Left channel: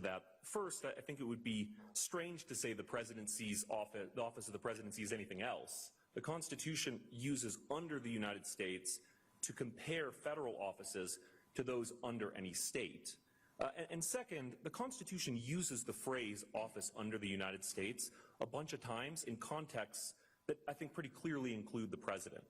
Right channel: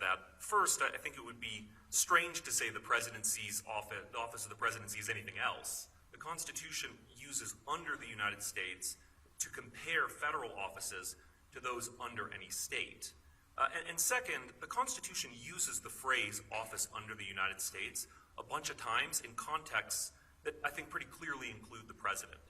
to that. First, I think it would be strange to say the office of the president sees anything else. The Constitution uses under the United States to compare federal offices to those under any state. And second, the Constitution uses the phrase office under the United States a bunch of times in contexts that I think pretty clearly include the president.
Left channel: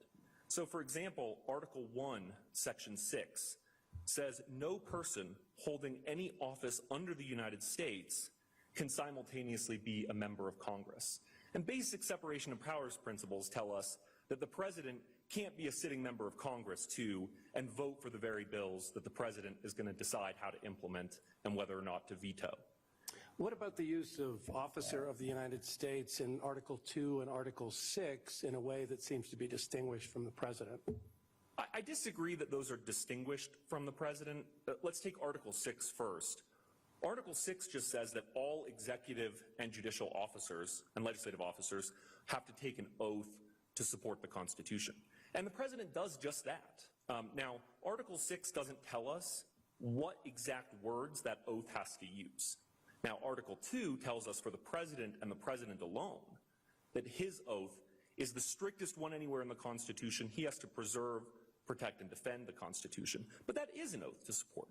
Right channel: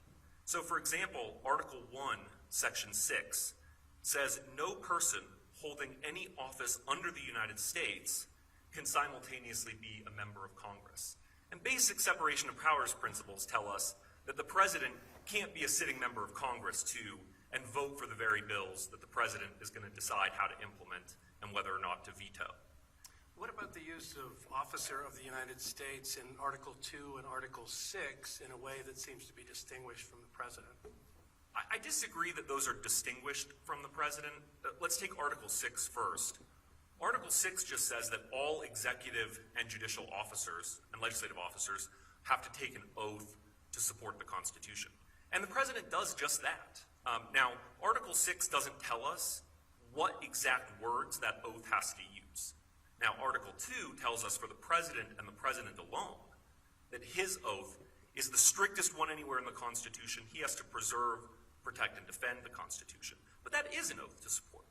So for example, Article 1, Section 6 says no person holding any office under the United States can simultaneously be a member of Congress. And basic separation of powers principles tell us that the president can't be a sitting member of Congress too and vote for the very bills that the president is going to decide how to implement and whether or not to veto. What about the use of officer of the United States in Article 2 and Article 6 in a way that seems to be distinguished from the president? I disagree that those are distinguished from the president. Let's take Article 6 first. Article 6 just says that all executive and judicial officers and legislative officers have to take an oath to support the Constitution. And the president does just that. Now, Article 6 doesn't tell us what exact words that oath has to use. Now, Article 2 tells us for the president and the president alone that his oath is the strictest one anywhere in the Constitution. He has to preserve, protect, and defend the Constitution. But that is an oath to support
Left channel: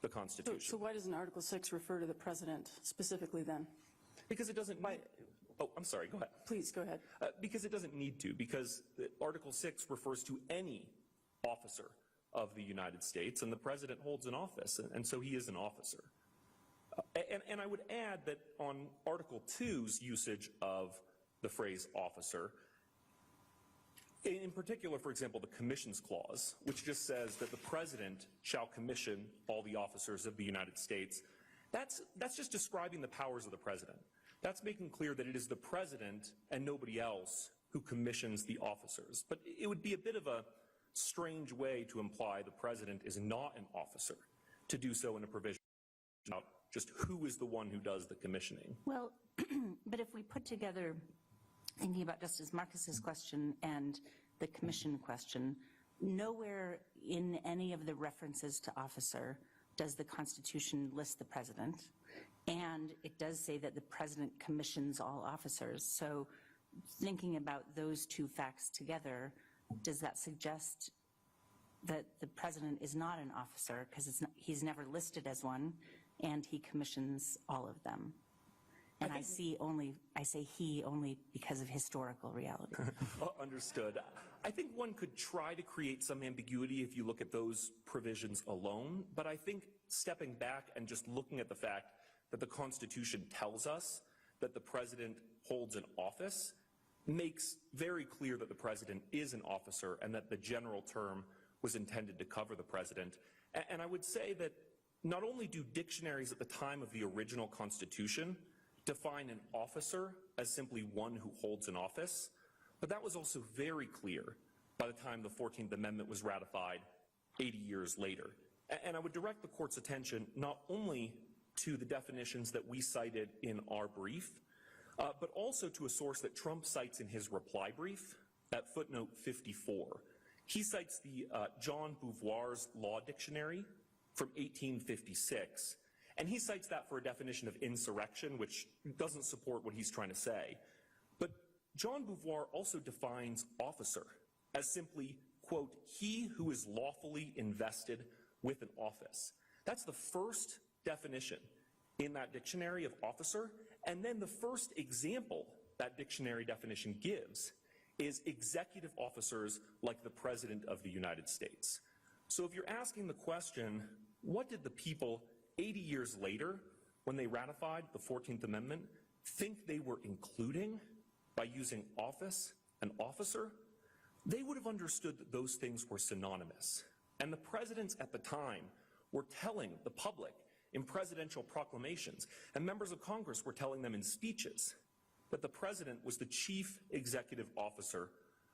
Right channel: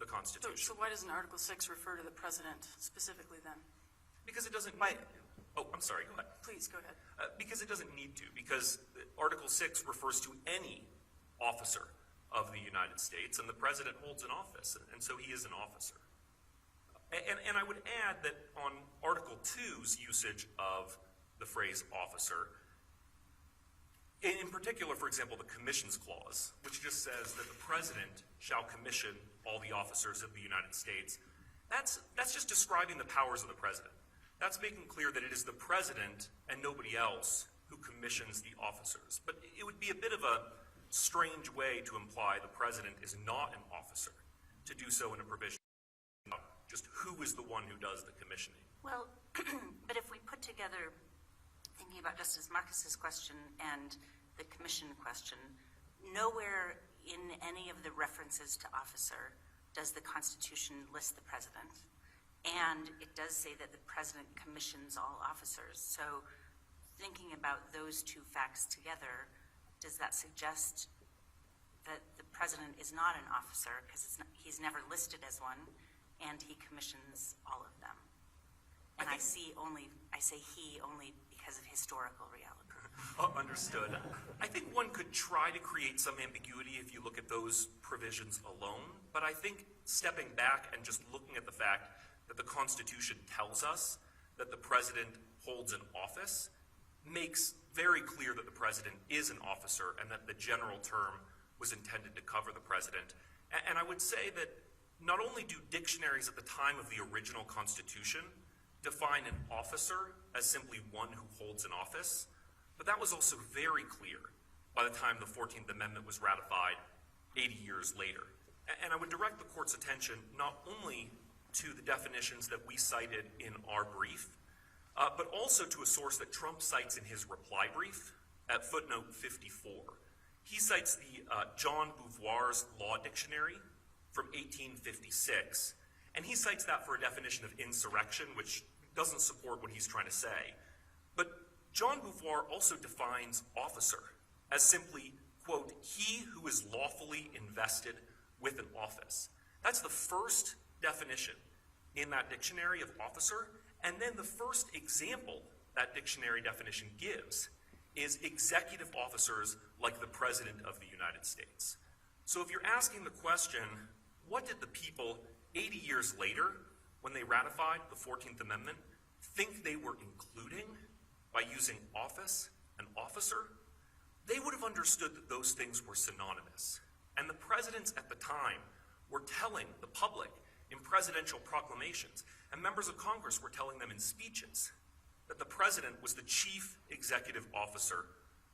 the Constitution. So why doesn't Article 6 refer to the president specifically then? Because it doesn't... Oh, I'm sorry, go ahead. Please, go ahead. Because it doesn't need to, because Article 6 refers to any officer of the United States, and the president holds an office, and so he is an officer. And I would add that on Article 2's usage of the phrase officer, in particular, for example, the Commissions Clause, which just says that the president shall commission all the officers of the United States, that's just describing the powers of the president. That's making clear that it is the president and nobody else who commissions the officers. But it would be a bit of a strange way to imply the president is not an officer to do so in a provision about just who is the one who does the commissioning. Well, but if we put together, thinking about Justice Marcus's question and the commission question, nowhere in any of the references to officer does the Constitution list the president. And it does say that the president commissions all officers. So thinking about those two facts together, does that suggest that the president is not an officer because he's never listed as one, and he commissions all of them? And I say he only because of historical reality. Oh, understood. I think one could try to create some ambiguity if you look at those provisions alone, but I think stepping back and just looking at the fact that the Constitution tells us that the president holds an office makes very clear that the president is an officer and that the general term was intended to cover the president. And I would say that not only do dictionaries at the time of the original Constitution define an officer as simply one who holds an office, but that was also very clear by the time the 14th Amendment was ratified 80 years later. And I would direct the court's attention not only to the definitions that we cited in our brief, but also to a source that Trump cites in his reply brief at footnote 54. He cites the John Beauvoir's Law Dictionary from 1856, and he cites that for a definition of insurrection, which doesn't support what he's trying to say. But John Beauvoir also defines officer as simply, quote, he who is lawfully invested with an office. That's the first definition in that dictionary of officer, and then the first example that dictionary definition gives is executive officers like the President of the United States. So if you're asking the question, what did the people 80 years later, when they ratified the 14th Amendment, think they were including by using office and officer? They would have understood that those things were synonymous. And the presidents at the time were telling the public in presidential proclamations, and members of Congress were telling them in speeches that the president was the chief executive officer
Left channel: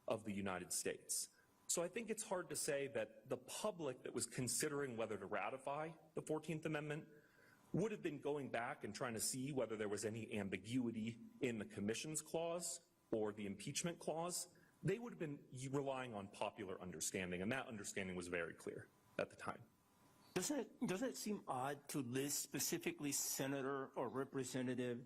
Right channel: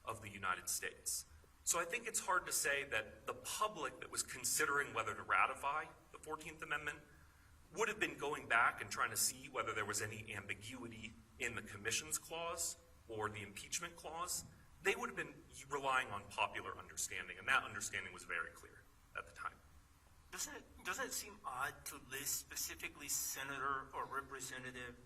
of the United States. So I think it's hard to say that the public that was considering whether to ratify the 14th Amendment would have been going back and trying to see whether there was any ambiguity in the Commissions Clause or the Impeachment Clause. They would have been relying on popular understanding, and that understanding was very clear at the time. Doesn't it seem odd to list specifically senator or representative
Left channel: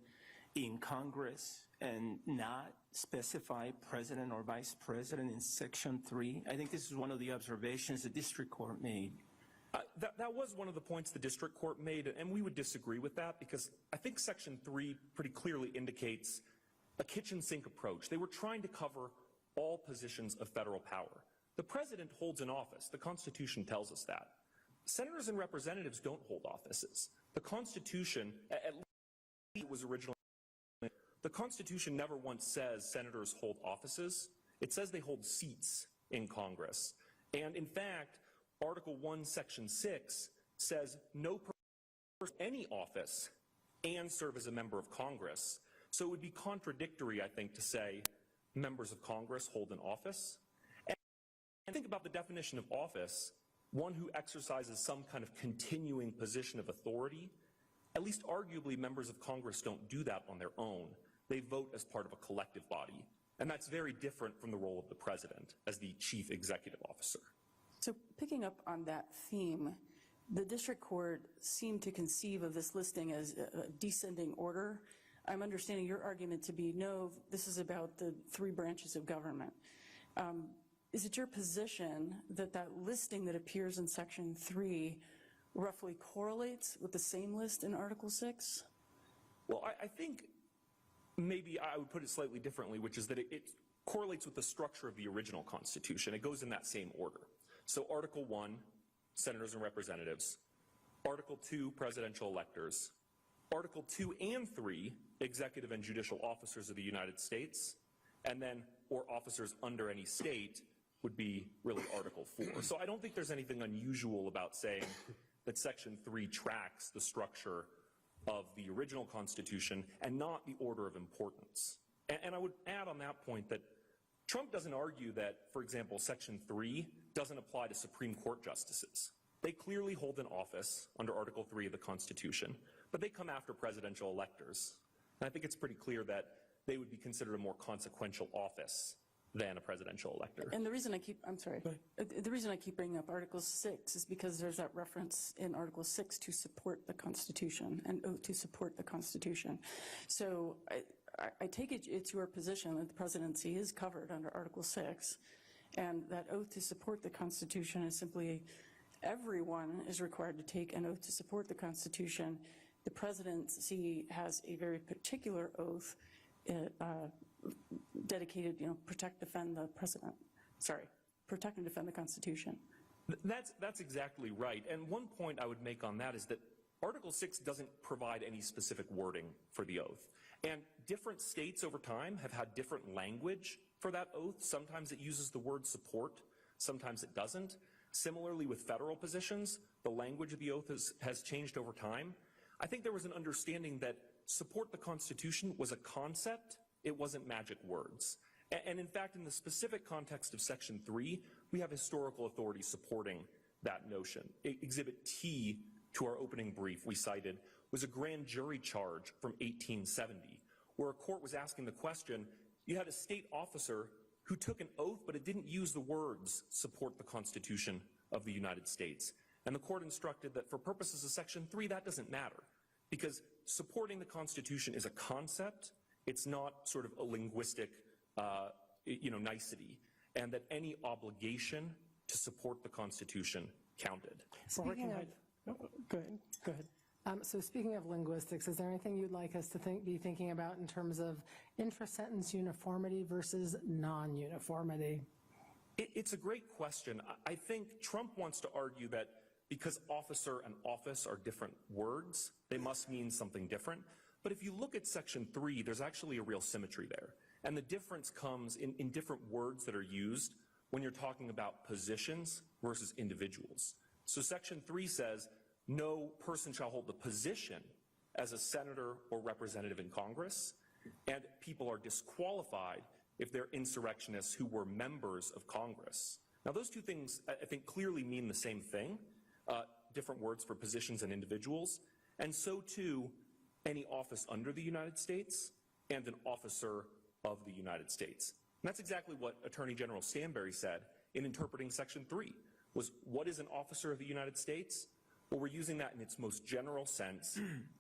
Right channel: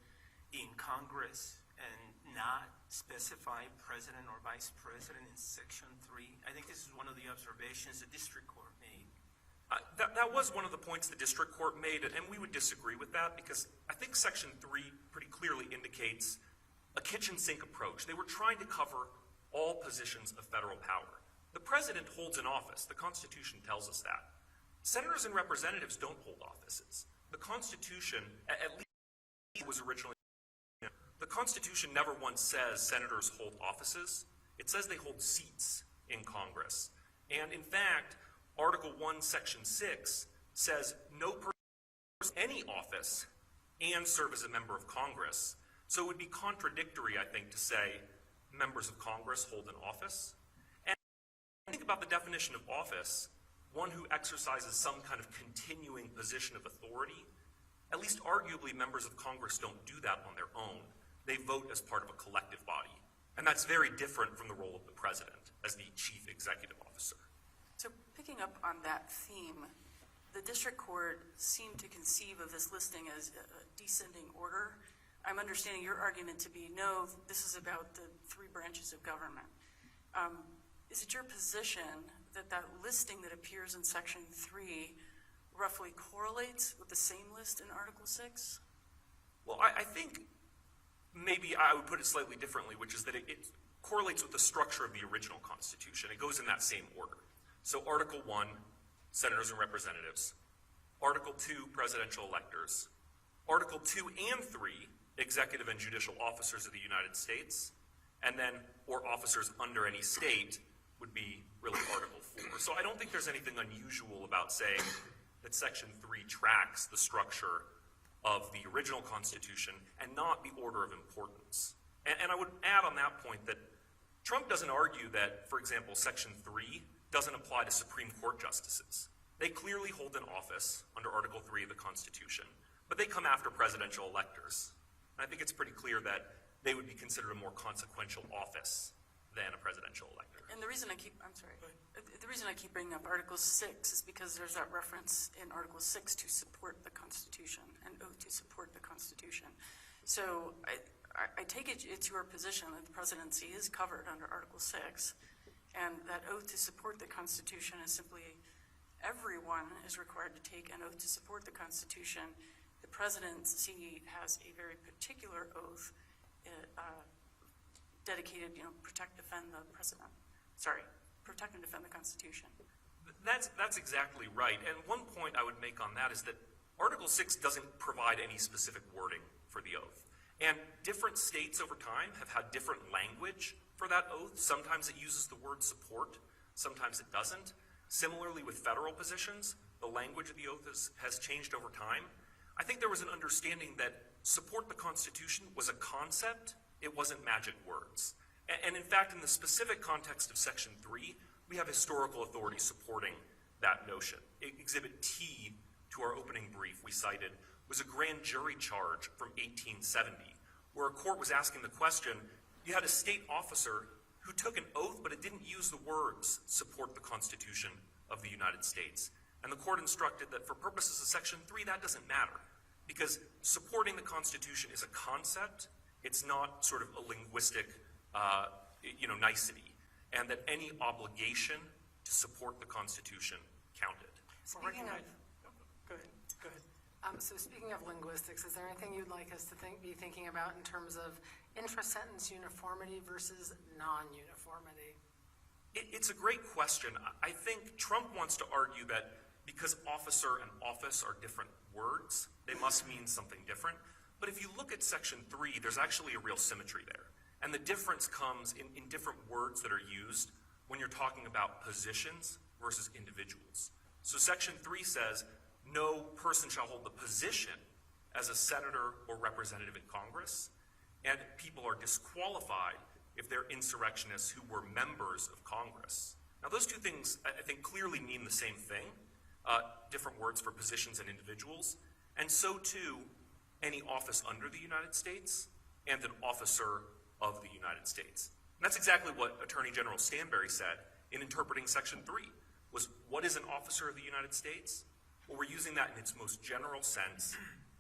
in Congress and not specify president or vice president in Section 3? I think this is one of the observations the district court made. That was one of the points the district court made, and we would disagree with that because I think Section 3 pretty clearly indicates a kitchen sink approach. They were trying to cover all positions of federal power. The president holds an office. The Constitution tells us that. Senators and representatives don't hold offices. The Constitution, at least was originally, the Constitution never once says senators hold offices. It says they hold seats in Congress. And in fact, Article 1, Section 6 says no person in any office and serve as a member of Congress. So it would be contradictory, I think, to say members of Congress hold an office. And think about the definition of office, one who exercises some kind of continuing position of authority. At least arguably, members of Congress don't do that on their own. They vote as part of a collective body. And that's very different from the role of the president as the chief executive officer. So picking up on that theme, the district court seemed to conceive of this listing as a descending order. I'm understanding your argument to be, no, this is about the three branches of government. Is it your position that that listing that appears in Section 3 roughly correlates with the same list in Article 6? Well, I think maybe I would put it slightly differently, which is that it correlates with the structure of the original Constitution. It goes in that same order. So Article 1, senators and representatives. Article 2, presidential electors. Article 2 and 3, executive and judicial officers of the United States. And then, or officers under any state, would be really Article 4. So I don't think there's anything unusual about saying that Section 3 tracks the structure of the original Constitution and not the order of importance. And I would add on that point that Trump doesn't argue that, for example, Section 3 doesn't apply to Supreme Court justices. They clearly hold an office under Article 3 of the Constitution, but they come after presidential electors. And I think it's pretty clear that they would be considered a more consequential office than a presidential elector. And the reason I keep bringing up Article 6 is because there's that reference in Article 6 to support the Constitution and oath to support the Constitution. So I take it's your position that the presidency is covered under Article 6, and that oath to support the Constitution is simply everyone is required to take an oath to support the Constitution. The presidency has a very particular oath dedicated, protect and defend the Constitution. That's exactly right. And one point I would make on that is that Article 6 doesn't provide any specific wording for the oath. And different states over time have had different language for that oath. Sometimes it uses the word support, sometimes it doesn't. Similarly with federal positions, the language of the oath has changed over time. I think there was an understanding that support the Constitution was a concept, it wasn't magic words. And in fact, in the specific context of Section 3, we have historical authorities supporting that notion. Exhibit T to our opening brief we cited was a grand jury charge from 1870, where a court was asking the question, you had a state officer who took an oath, but it didn't use the words support the Constitution of the United States. And the court instructed that for purposes of Section 3, that doesn't matter, because supporting the Constitution is a concept. It's not sort of a linguistic, nicety, and that any obligation to support the Constitution counted. Speaking of, go ahead. So speaking of linguistics, is there anything you'd like us to be thinking about in terms of intra-sentence uniformity versus non-uniformity? It's a great question. I think Trump wants to argue that because officer and office are different words, they must mean something different. But if you look at Section 3, there's actually a real symmetry there. And the difference comes in different words that are used when you're talking about positions versus individuals. So Section 3 says, no person shall hold a position as a senator or representative in Congress, and people are disqualified if they're insurrectionists who were members of Congress. Now, those two things, I think, clearly mean the same thing, different words for positions and individuals, and so too any office under the United States and an officer of the United States. And that's exactly what Attorney General Stanberry said in interpreting Section 3, was what is an officer of the United States? Or we're using that in its most general sense,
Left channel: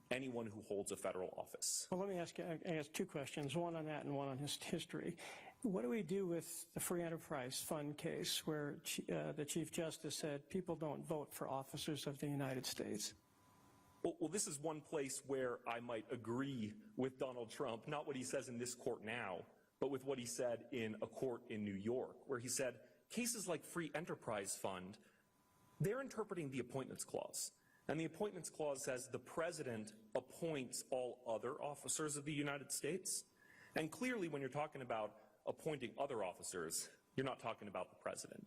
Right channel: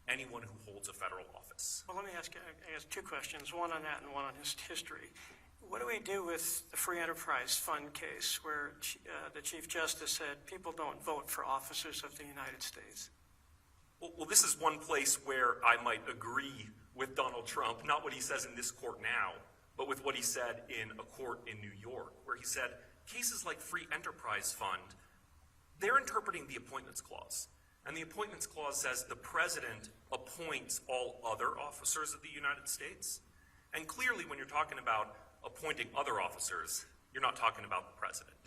anyone who holds a federal office. Well, let me ask two questions, one on that and one on history. What do we do with the Free Enterprise Fund case where the Chief Justice said people don't vote for officers of the United States? Well, this is one place where I might agree with Donald Trump, not what he says in this court now, but with what he said in a court in New York, where he said cases like Free Enterprise Fund, they're interpreting the Appointments Clause. And the Appointments Clause says the president appoints all other officers of the United States. And clearly, when you're talking about appointing other officers, you're not talking about the president.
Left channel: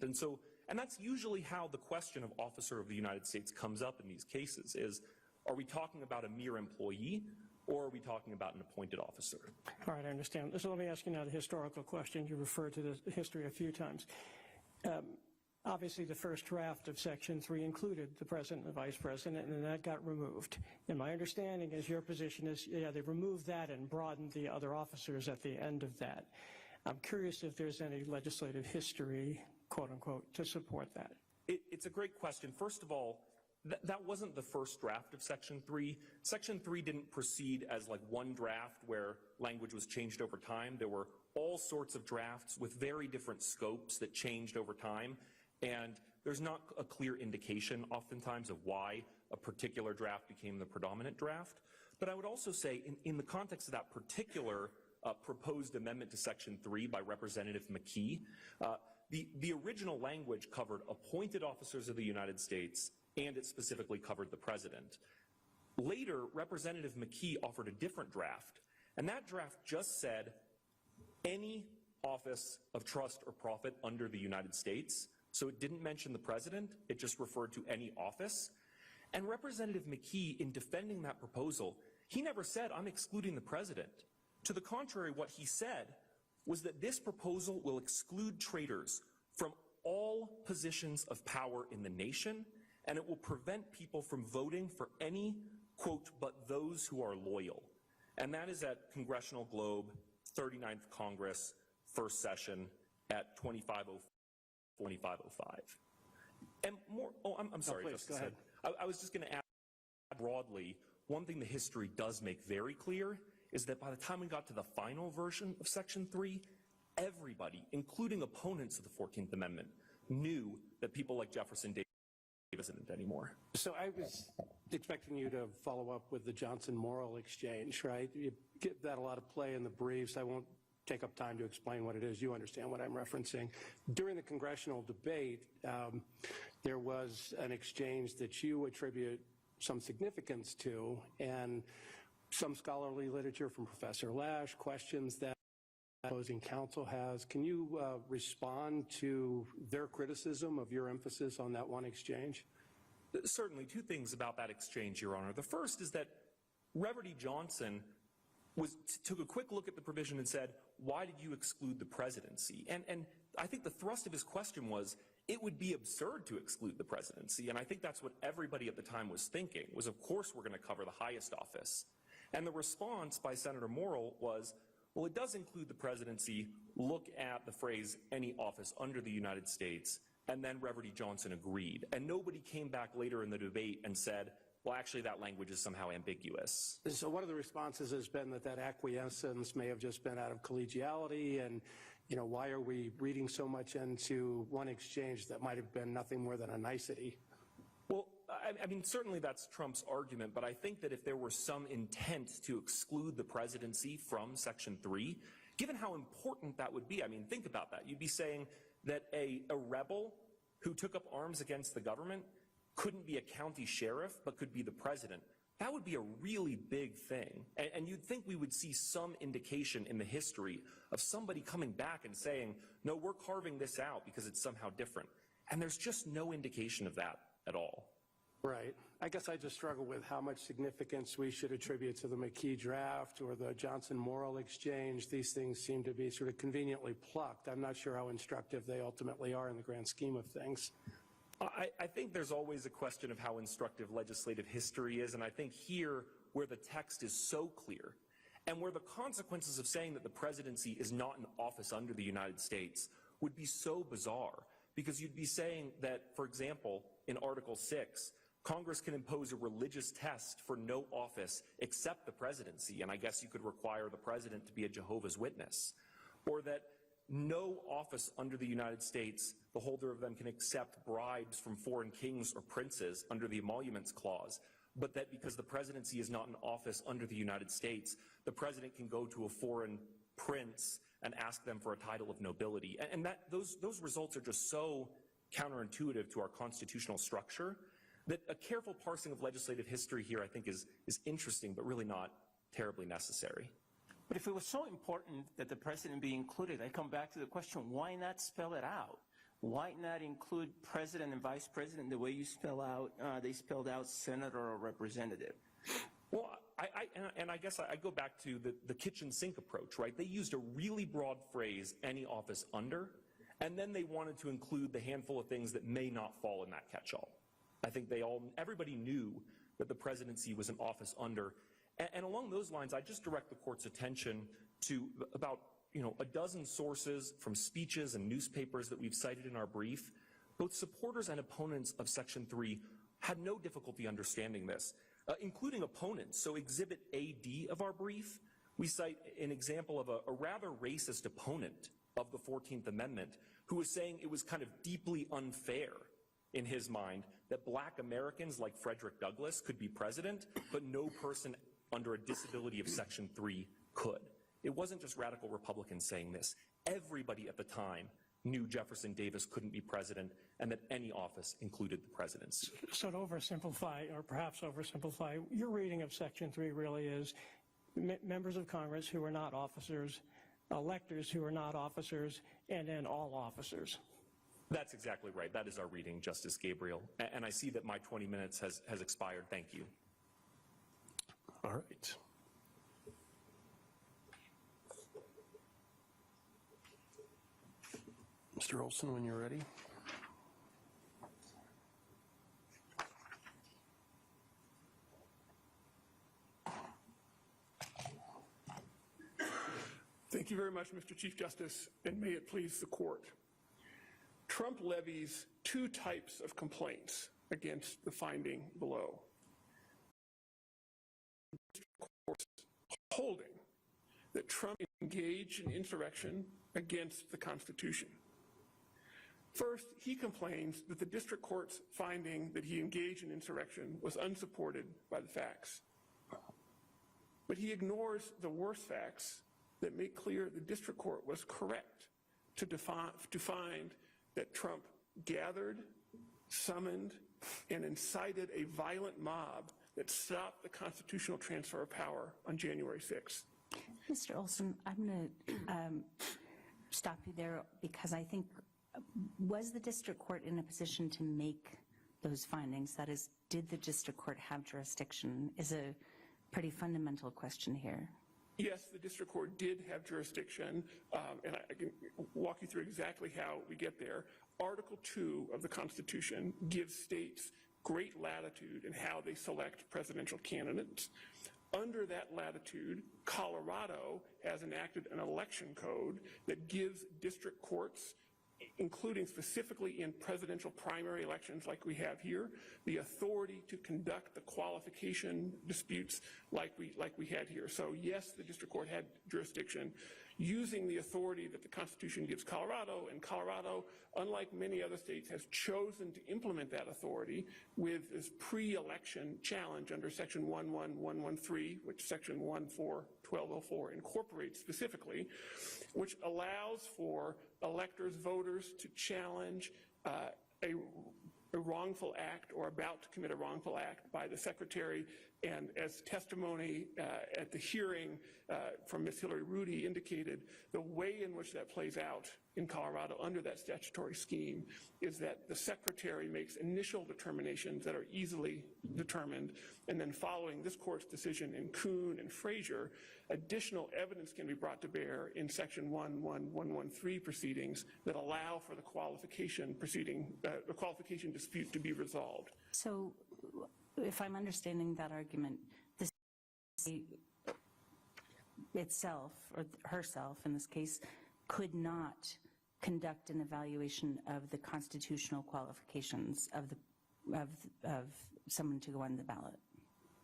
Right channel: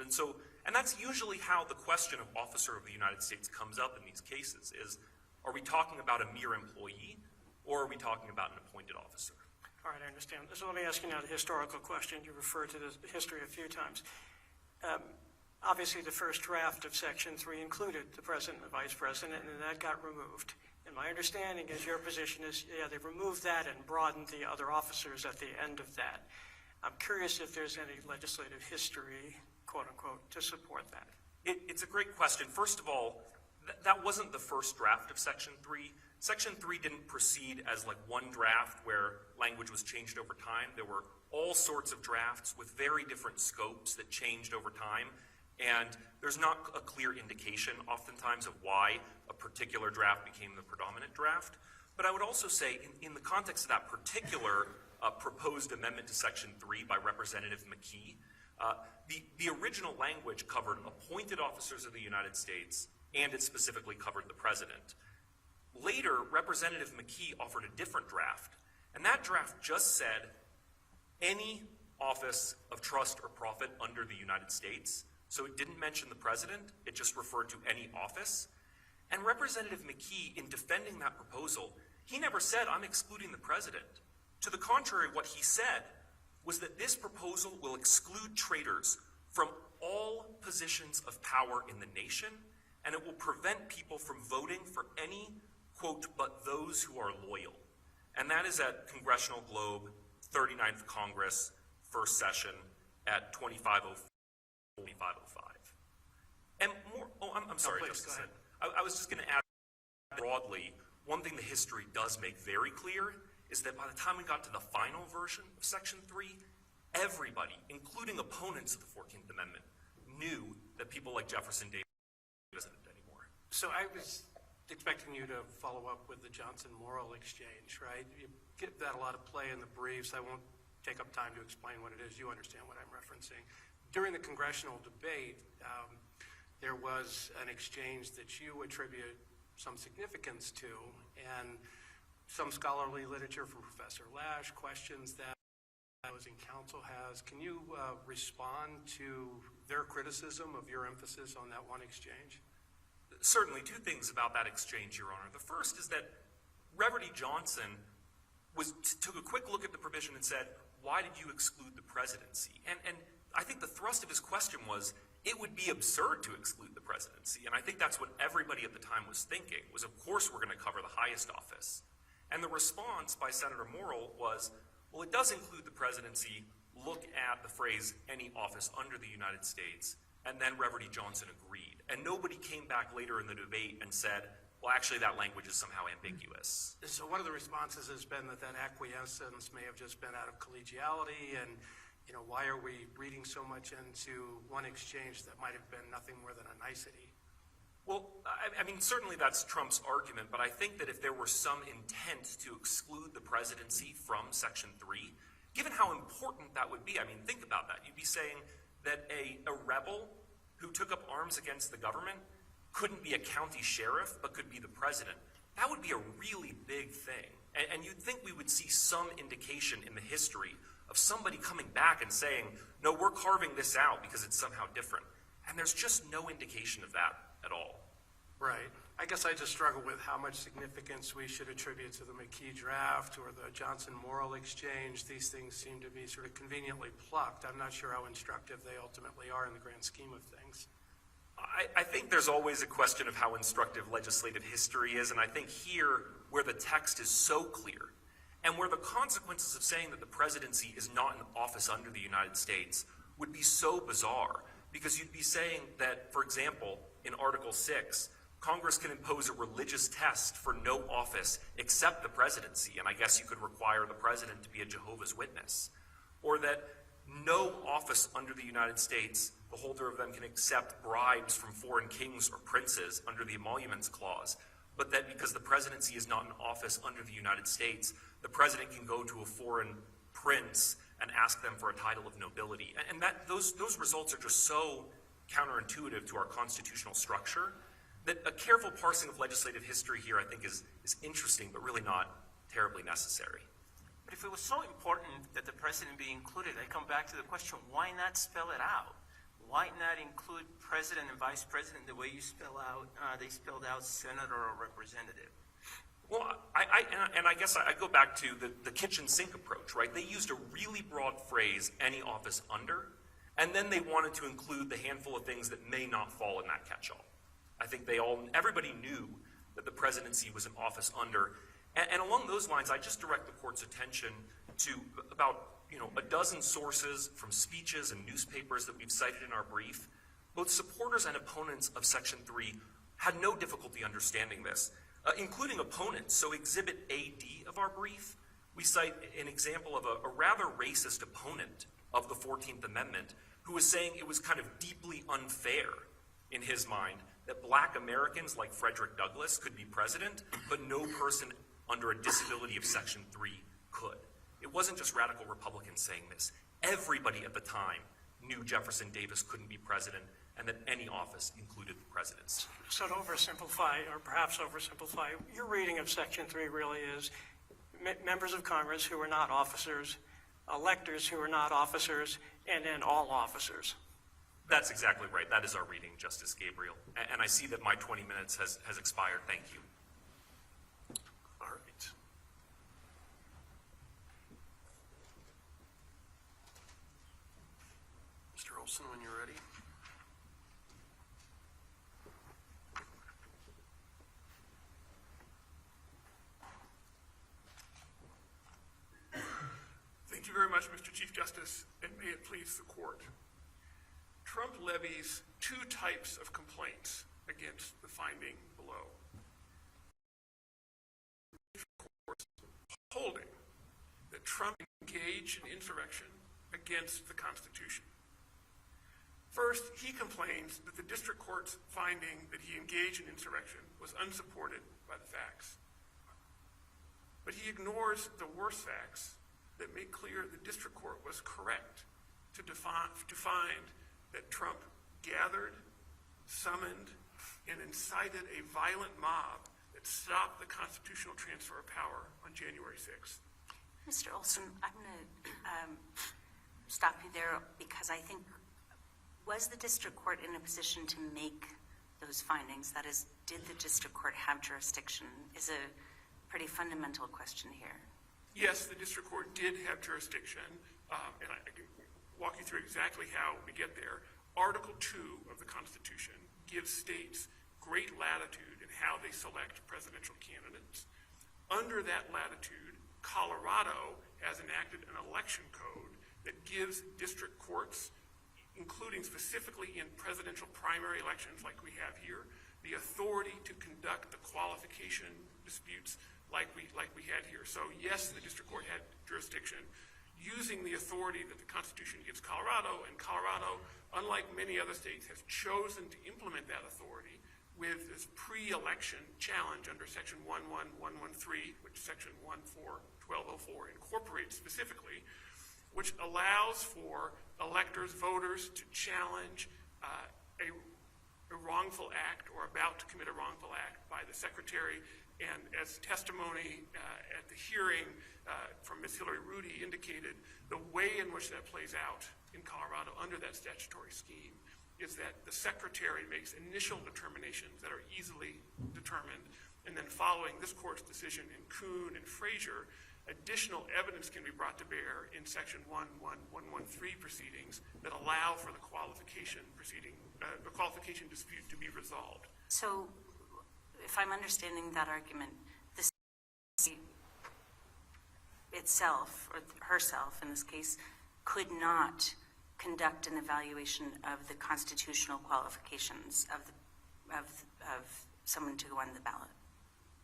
And that's usually how the question of officer of the United States comes up in these cases is, are we talking about a mere employee, or are we talking about an appointed officer? All right, I understand. So let me ask you now the historical question. You referred to the history a few times. Obviously, the first draft of Section 3 included the president and vice president, and that got removed. And my understanding is your position is, yeah, they removed that and broadened the other officers at the end of that. I'm curious if there's any legislative history, quote unquote, to support that. It's a great question. First of all, that wasn't the first draft of Section 3. Section 3 didn't proceed as like one draft where language was changed over time. There were all sorts of drafts with very different scopes that changed over time. And there's not a clear indication oftentimes of why a particular draft became the predominant draft. But I would also say in the context of that particular proposed amendment to Section 3 by Representative McKee, the original language covered appointed officers of the United States, and it specifically covered the president. Later, Representative McKee offered a different draft, and that draft just said any office of trust or profit under the United States. So it didn't mention the president, it just referred to any office. And Representative McKee, in defending that proposal, he never said, I'm excluding the president. To the contrary, what he said was that this proposal will exclude traitors from all positions of power in the nation, and it will prevent people from voting for any, quote, but those who are loyal. And that is at Congressional Globe, 39th Congress, first session at 2505. And more, I'm sorry. Please, go ahead. I was just going to add broadly, one thing the history does make very clear is that by the time we got to the final version of Section 3, everybody, including opponents of the 14th Amendment, knew that people like Jefferson Davis wasn't anymore. So I was expecting you to follow up with the Johnson-Morrill exchange, right? You get that a lot of play in the briefs. I won't take up time to explain what it is. You understand what I'm referencing. During the congressional debate, there was an exchange that you attribute some significance to, and some scholarly literature from Professor Lash questions that opposing counsel has. Can you respond to their criticism of your emphasis on that one exchange? Certainly, two things about that exchange, Your Honor. The first is that Reverend Johnson took a quick look at the provision and said, why did you exclude the presidency? And I think the thrust of his question was, it would be absurd to exclude the presidency. And I think that's what everybody at the time was thinking, was of course we're going to cover the highest office. And the response by Senator Morrill was, well, it does include the presidency. Look at the phrase, any office under the United States. And then Reverend Johnson agreed. And nobody came back later in the debate and said, well, actually, that language is somehow ambiguous. So one of the responses has been that acquiescence may have just been out of collegiality, and why are we reading so much into one exchange that might have been nothing more than a nicety? Well, I mean, certainly that's Trump's argument, but I think that if there were some intent to exclude the presidency from Section 3, given how important that would be, I mean, think about that. You'd be saying that a rebel who took up arms against the government couldn't be a county sheriff, but could be the president. That would be a really big thing. And you'd think we would see some indication in the history of somebody coming back and saying, no, we're carving this out because it's somehow different. And there's just no indication of that at all. Right. I guess I just struggle with how much significance we should attribute to the McKee draft or the Johnson-Morrill exchange. These things seem to be sort of conveniently plucked. I'm not sure how instructive they ultimately are in the grand scheme of things. I think there's always a question of how instructive legislative history is, and I think here, where the text is so clear, and where the consequences of saying that the presidency is not an office under the United States would be so bizarre, because you'd be saying that, for example, in Article 6, Congress can impose a religious test for no office except the presidency, and I guess you could require the president to be a Jehovah's Witness. Or that no office under the United States, the holder of them can accept bribes from foreign kings or princes under the Emoluments Clause, but that because the presidency is not an office under the United States, the president can go to a foreign prince and ask them for a title of nobility. And those results are just so counterintuitive to our constitutional structure that a careful parsing of legislative history here, I think, is interesting, but really not terribly necessary. But if it was so important that the president be included, I come back to the question, why not spell it out? Why not include president and vice president the way you spell out, they spelled out senator or representative? Well, I guess I go back to the kitchen sink approach, right? They used a really broad phrase, any office under, and then they wanted to include the handful of things that may not fall in that catch-all. I think everybody knew that the presidency was an office under. And along those lines, I just direct the court's attention to about, a dozen sources from speeches and newspapers that we've cited in our brief. Both supporters and opponents of Section 3 had no difficulty understanding this, including opponents. So Exhibit AD of our brief, we cite an example of a rather racist opponent of the 14th Amendment who was saying it was kind of deeply unfair in his mind that Black Americans like Frederick Douglass could be president, but no person under a disability of Section 3 could. It wasn't just radical Republicans saying this. Everybody at the time knew Jefferson Davis couldn't be president and that any office included presidents. So to oversimplify, or perhaps oversimplify, your reading of Section 3 really is members of Congress who are not officers, electors who are not officers, and then all officers. That's exactly right. That is our reading, Justice Gabriel. And I see that my 20 minutes has expired. Thank you. All right. Mr. Olson, when you're ready. Thank you very much, Mr. Chief Justice, and may it please the court. Trump levies two types of complaints against the finding below. Court's holding that Trump engaged in insurrection against the Constitution. First, he complains that the district court's finding that he engaged in insurrection was unsupported by the facts. But he ignores the worst facts that make clear the district court was correct to find that Trump gathered, summoned, and incited a violent mob that stopped the constitutional transfer of power on January 6th. Mr. Olson, I'm going to stop you there because I think, was the district court in a position to make those findings? That is, did the district court have jurisdiction? Is a pretty fundamental question here. Yes, the district court did have jurisdiction, and I can walk you through exactly how we get there. Article 2 of the Constitution gives states great latitude in how they select presidential candidates. Under that latitude, Colorado has enacted an election code that gives district courts, including specifically in presidential primary elections like we have here, the authority to conduct the qualification disputes like we had here. So yes, the district court had jurisdiction using the authority that the Constitution gives Colorado, and Colorado, unlike many other states, has chosen to implement that authority with this pre-election challenge under Section 11113, which Section 1204 incorporates specifically, which allows for electors, voters to challenge a wrongful act or about to commit a wrongful act by the secretary. And as testimony at the hearing from Ms. Hillary Rudy indicated, the way in which that plays out in Colorado under that statutory scheme is that the secretary makes initial determinations that are easily determined, and then following this court's decision in Kuhn and Frazier, additional evidence can be brought to bear in Section 11113 proceedings that allow for the qualification dispute to be resolved. So, if I'm understanding that argument, the state itself, or herself in this case, could not conduct an evaluation of the constitutional qualifications of someone to go on the ballot.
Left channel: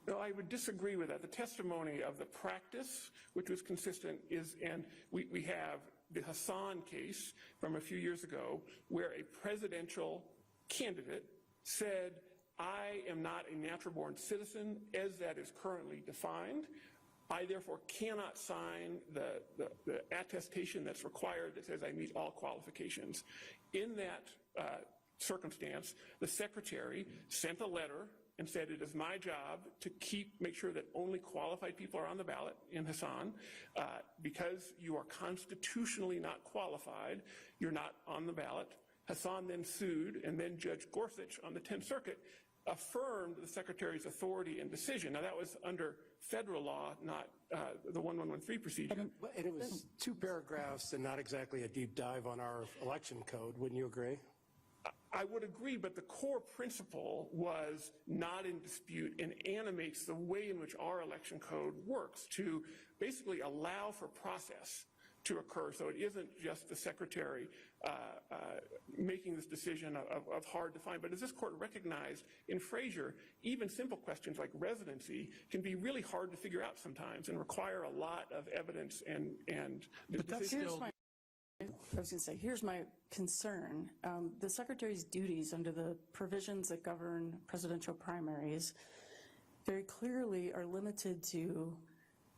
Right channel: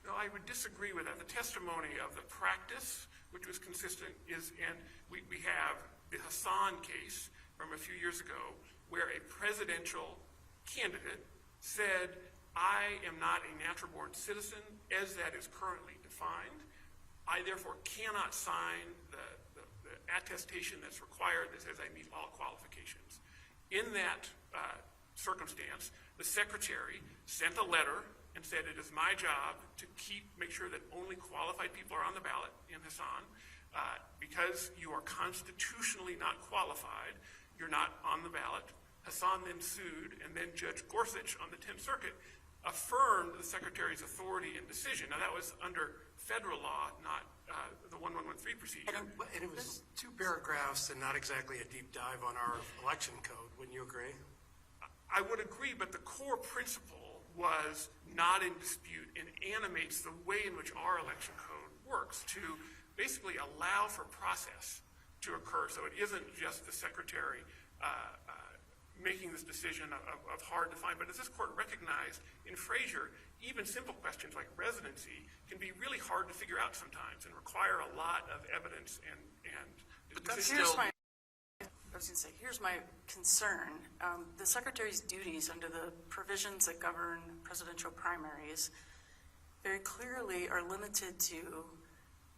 No, I would disagree with that. The testimony of the practice, which was consistent, is, and we have the Hassan case from a few years ago, where a presidential candidate said, I am not a natural-born citizen as that is currently defined. I therefore cannot sign the attestation that's required that says I meet all qualifications. In that circumstance, the secretary sent a letter and said, it is my job to make sure that only qualified people are on the ballot in Hassan. Because you are constitutionally not qualified, you're not on the ballot. Hassan then sued, and then Judge Gorsuch on the 10th Circuit affirmed the secretary's authority and decision. Now, that was under federal law, not the 1113 procedure. And it was 2 paragraphs and not exactly a deep dive on our election code. Wouldn't you agree? I would agree, but the core principle was not in dispute and animates the way in which our election code works to basically allow for process to occur. So it isn't just the secretary making this decision of hard to find. But as this court recognized in Frazier, even simple questions like residency can be really hard to figure out sometimes and require a lot of evidence and Here's my concern. The secretary's duties under the provisions that govern presidential primaries very clearly are limited to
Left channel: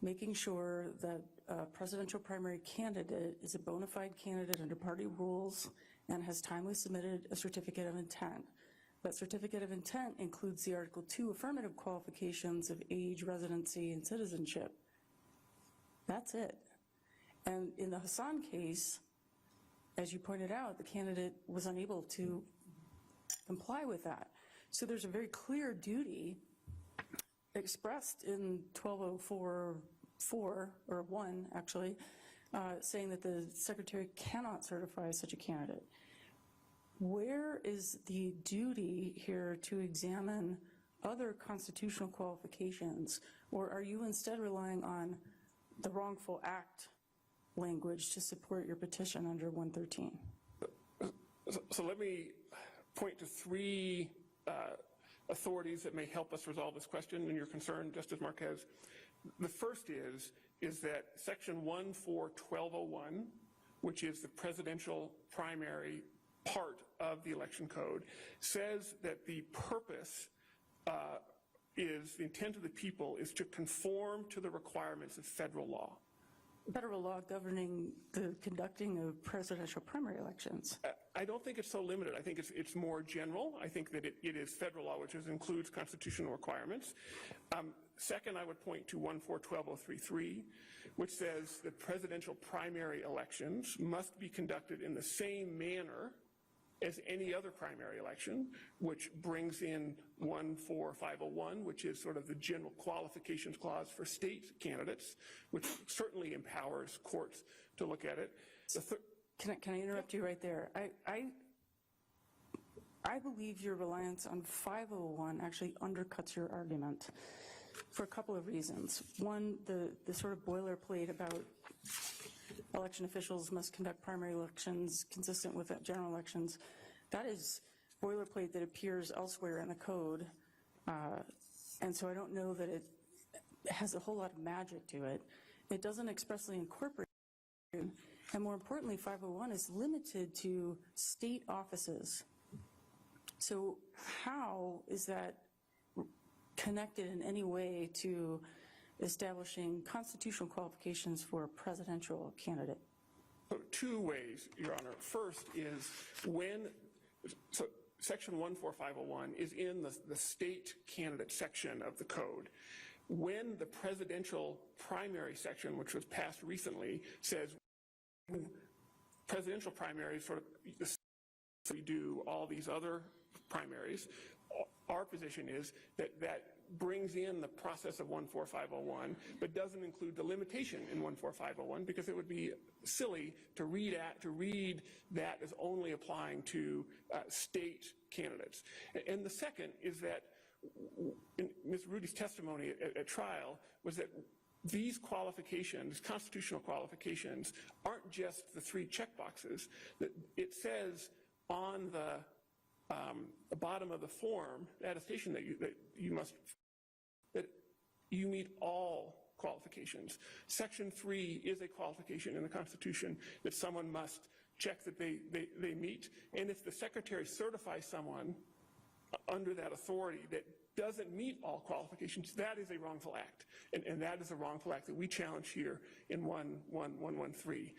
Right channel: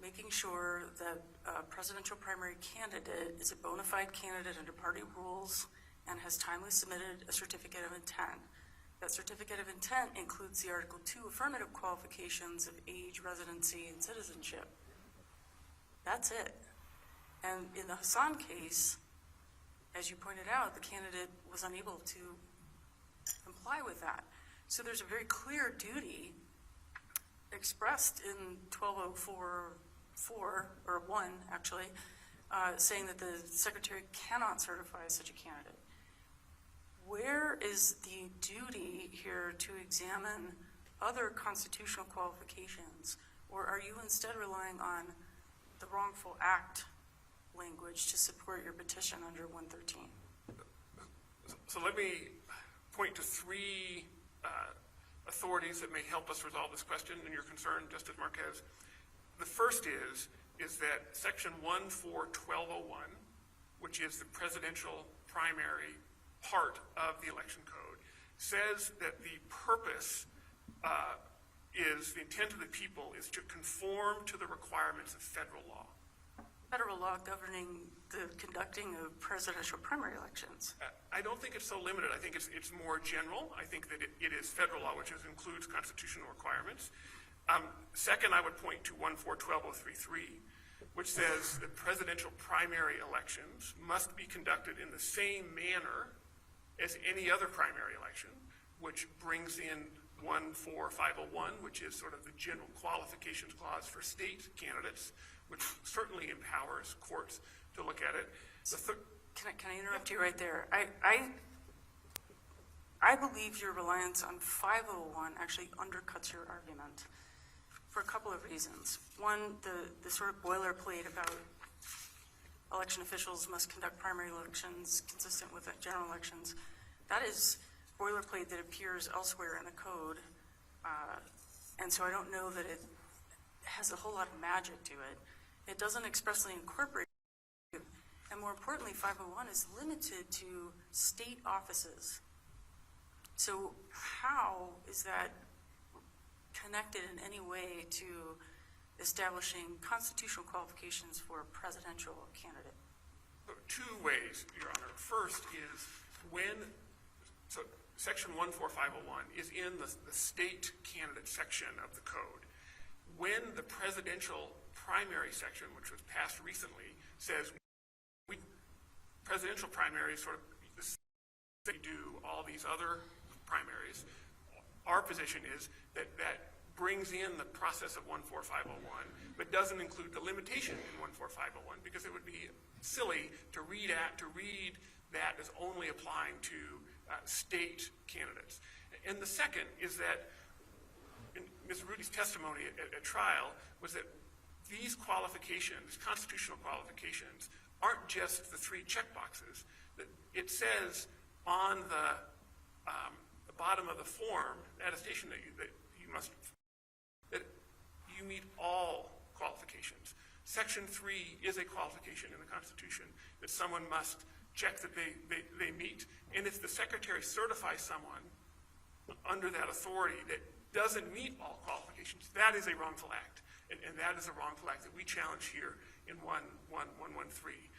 making sure that a presidential primary candidate is a bona fide candidate under party rules and has timely submitted a certificate of intent. That certificate of intent includes the Article 2 affirmative qualifications of age, residency, and citizenship. That's it. And in the Hassan case, as you pointed out, the candidate was unable to comply with that. So there's a very clear duty expressed in 1204 or 1, actually, saying that the secretary cannot certify such a candidate. Where is the duty here to examine other constitutional qualifications, or are you instead relying on the wrongful act language to support your petition under 113? So let me point to 3 authorities that may help us resolve this question and your concern, Justice Marquez. The first is that Section 141201, which is the presidential primary part of the election code, says that the purpose is, the intent of the people is to conform to the requirements of federal law. Federal law governing the conducting of presidential primary elections. I don't think it's so limited. I think it's more general. I think that it is federal law, which includes constitutional requirements. Second, I would point to 1412033, which says that presidential primary elections must be conducted in the same manner as any other primary election, which brings in 14501, which is sort of the general qualifications clause for state candidates, which certainly empowers courts to look at it. Can I interrupt you right there? I believe your reliance on 501 actually undercuts your argument for a couple of reasons. One, the sort of boilerplate about election officials must conduct primary elections consistent with general elections. That is boilerplate that appears elsewhere in the code. And so I don't know that it has a whole lot of magic to it. It doesn't expressly incorporate it. And more importantly, 501 is limited to state offices. So how is that connected in any way to establishing constitutional qualifications for a presidential candidate? 2 ways, Your Honor. First is so Section 14501 is in the state candidate section of the code. When the presidential primary section, which was passed recently, says presidential primaries sort of do all these other primaries, our position is that brings in the process of 14501, but doesn't include the limitation in 14501 because it would be silly to read that as only applying to state candidates. And the second is that Ms. Rudy's testimony at trial was that these qualifications, constitutional qualifications, aren't just the 3 checkboxes. It says on the the bottom of the form, attestation that you meet all qualifications. Section 3 is a qualification in the Constitution that someone must check that they meet. And if the Secretary certifies someone under that authority that doesn't meet all qualifications, that is a wrongful act. And that is a wrongful act that we challenge here in 1113.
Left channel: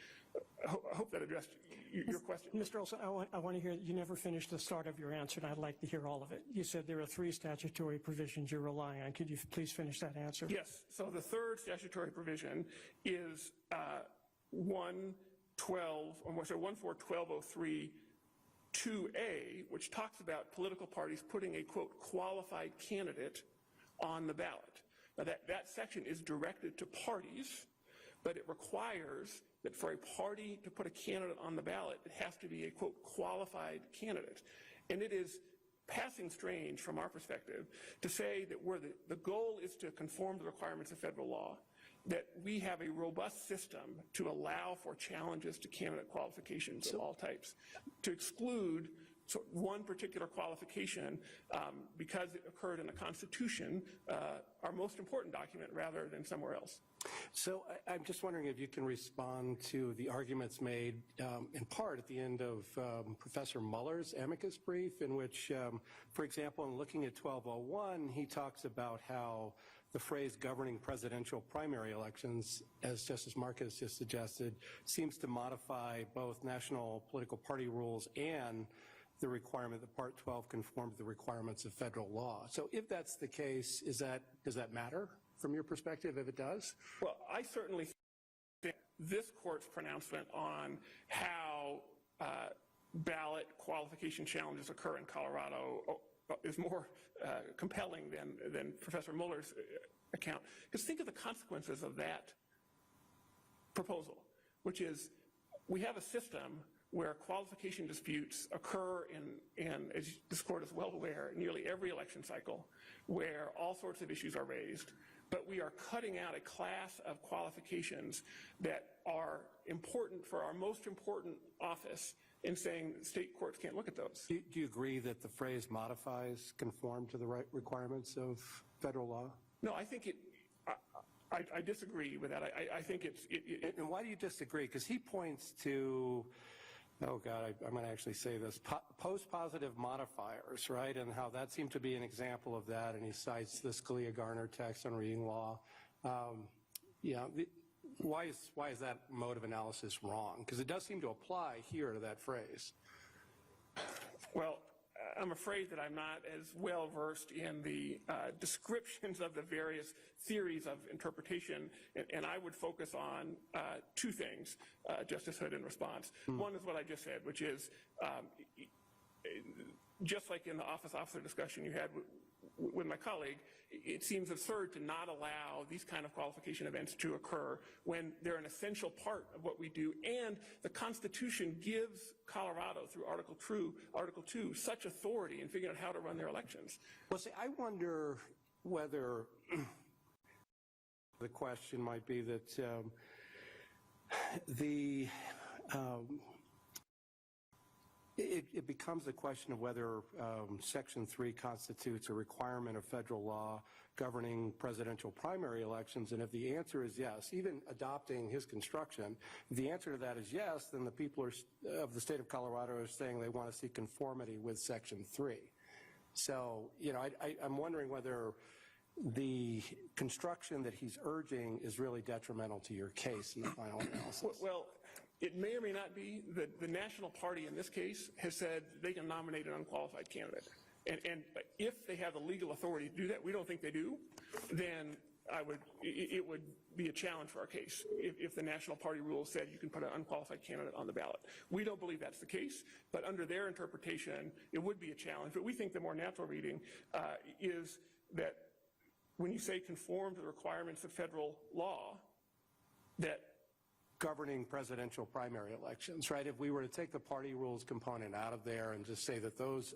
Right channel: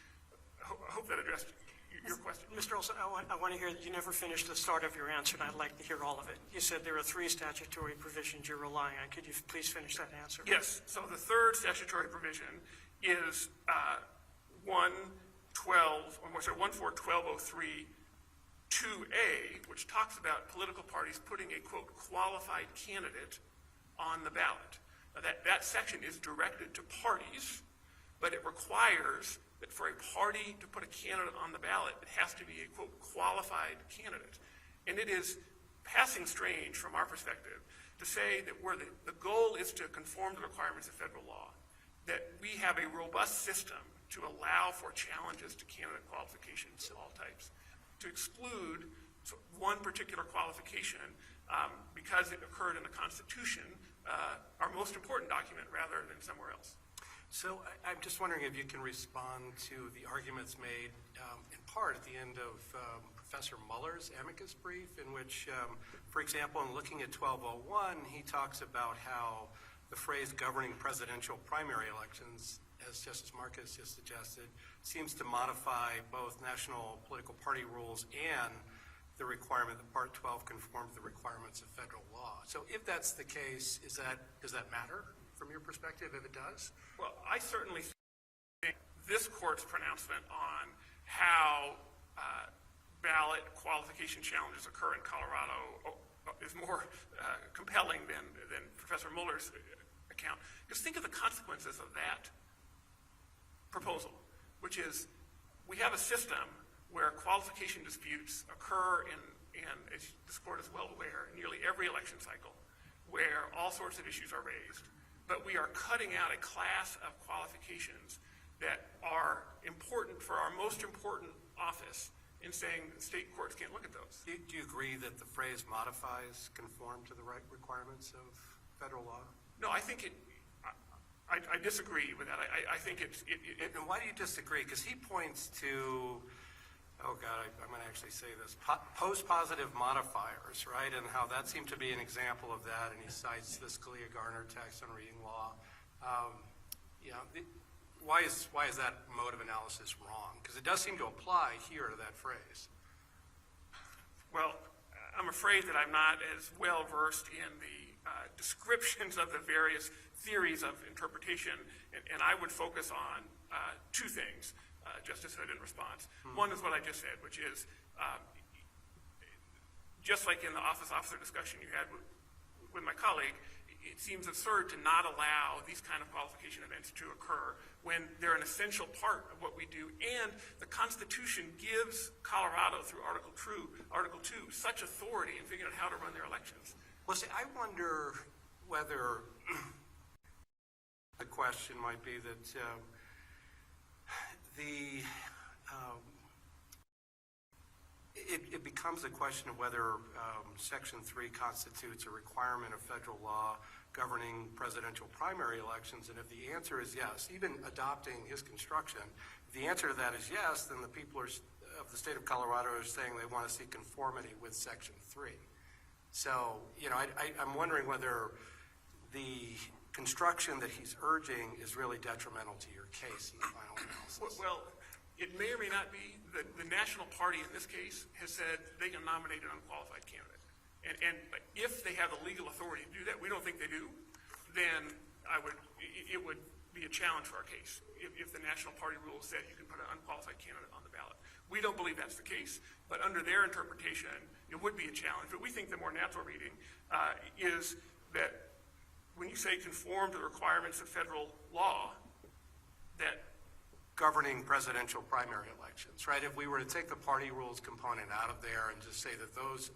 I hope that addressed your question. Mr. Olson, I want to hear that you never finished the start of your answer, and I'd like to hear all of it. You said there are 3 statutory provisions you're relying on. Could you please finish that answer? Yes. So the third statutory provision is 114-1203 2A, which talks about political parties putting a, quote, qualified candidate on the ballot. That section is directed to parties, but it requires that for a party to put a candidate on the ballot, it has to be a, quote, qualified candidate. And it is passing strange from our perspective to say that where the goal is to conform to the requirements of federal law, that we have a robust system to allow for challenges to candidate qualifications of all types. To exclude one particular qualification because it occurred in the Constitution, our most important document, rather than somewhere else. So I'm just wondering if you can respond to the arguments made in part at the end of Professor Mueller's amicus brief, in which, for example, in looking at 1201, he talks about how the phrase governing presidential primary elections, as Justice Marcus just suggested, seems to modify both national political party rules and the requirement that Part 12 conform to the requirements of federal law. So if that's the case, does that matter from your perspective, if it does? Well, I certainly think this court's pronouncement on how ballot qualification challenges occur in Colorado is more compelling than Professor Mueller's account. Because think of the consequences of that proposal, which is we have a system where qualification disputes occur in, as this court is well aware, nearly every election cycle, where all sorts of issues are raised, but we are cutting out a class of qualifications that are important for our most important office and saying state courts can't look at those. Do you agree that the phrase modifies conform to the right requirements of federal law? No, I think I disagree with that. I think And why do you disagree? Because he points to, oh God, I'm going to actually say this, post-positive modifiers, right? And how that seemed to be an example of that. And he cites this Clea Garner text on reading law. Why is that mode of analysis wrong? Because it does seem to apply here to that phrase. Well, I'm afraid that I'm not as well versed in the descriptions of the various theories of interpretation, and I would focus on 2 things, just as said in response. One is what I just said, which is just like in the officer discussion you had with my colleague, it seems absurd to not allow these kind of qualification events to occur when they're an essential part of what we do. And the Constitution gives Colorado, through Article 2, such authority in figuring out how to run their elections. Well, see, I wonder whether the question might be that it becomes a question of whether Section 3 constitutes a requirement of federal law governing presidential primary elections, and if the answer is yes, even adopting his construction, if the answer to that is yes, then the people of the state of Colorado are saying they want to see conformity with Section 3. So, I'm wondering whether the construction that he's urging is really detrimental to your case in the final analysis. Well, it may or may not be that the national party in this case has said they can nominate an unqualified candidate. And if they have the legal authority to do that, we don't think they do, then it would be a challenge for our case if the national party rule said you can put an unqualified candidate on the ballot. We don't believe that's the case, but under their interpretation, it would be a challenge. But we think the more natural reading is that when you say conform to the requirements of federal law, that governing presidential primary elections, right? If we were to take the party rules component out of there and just say that those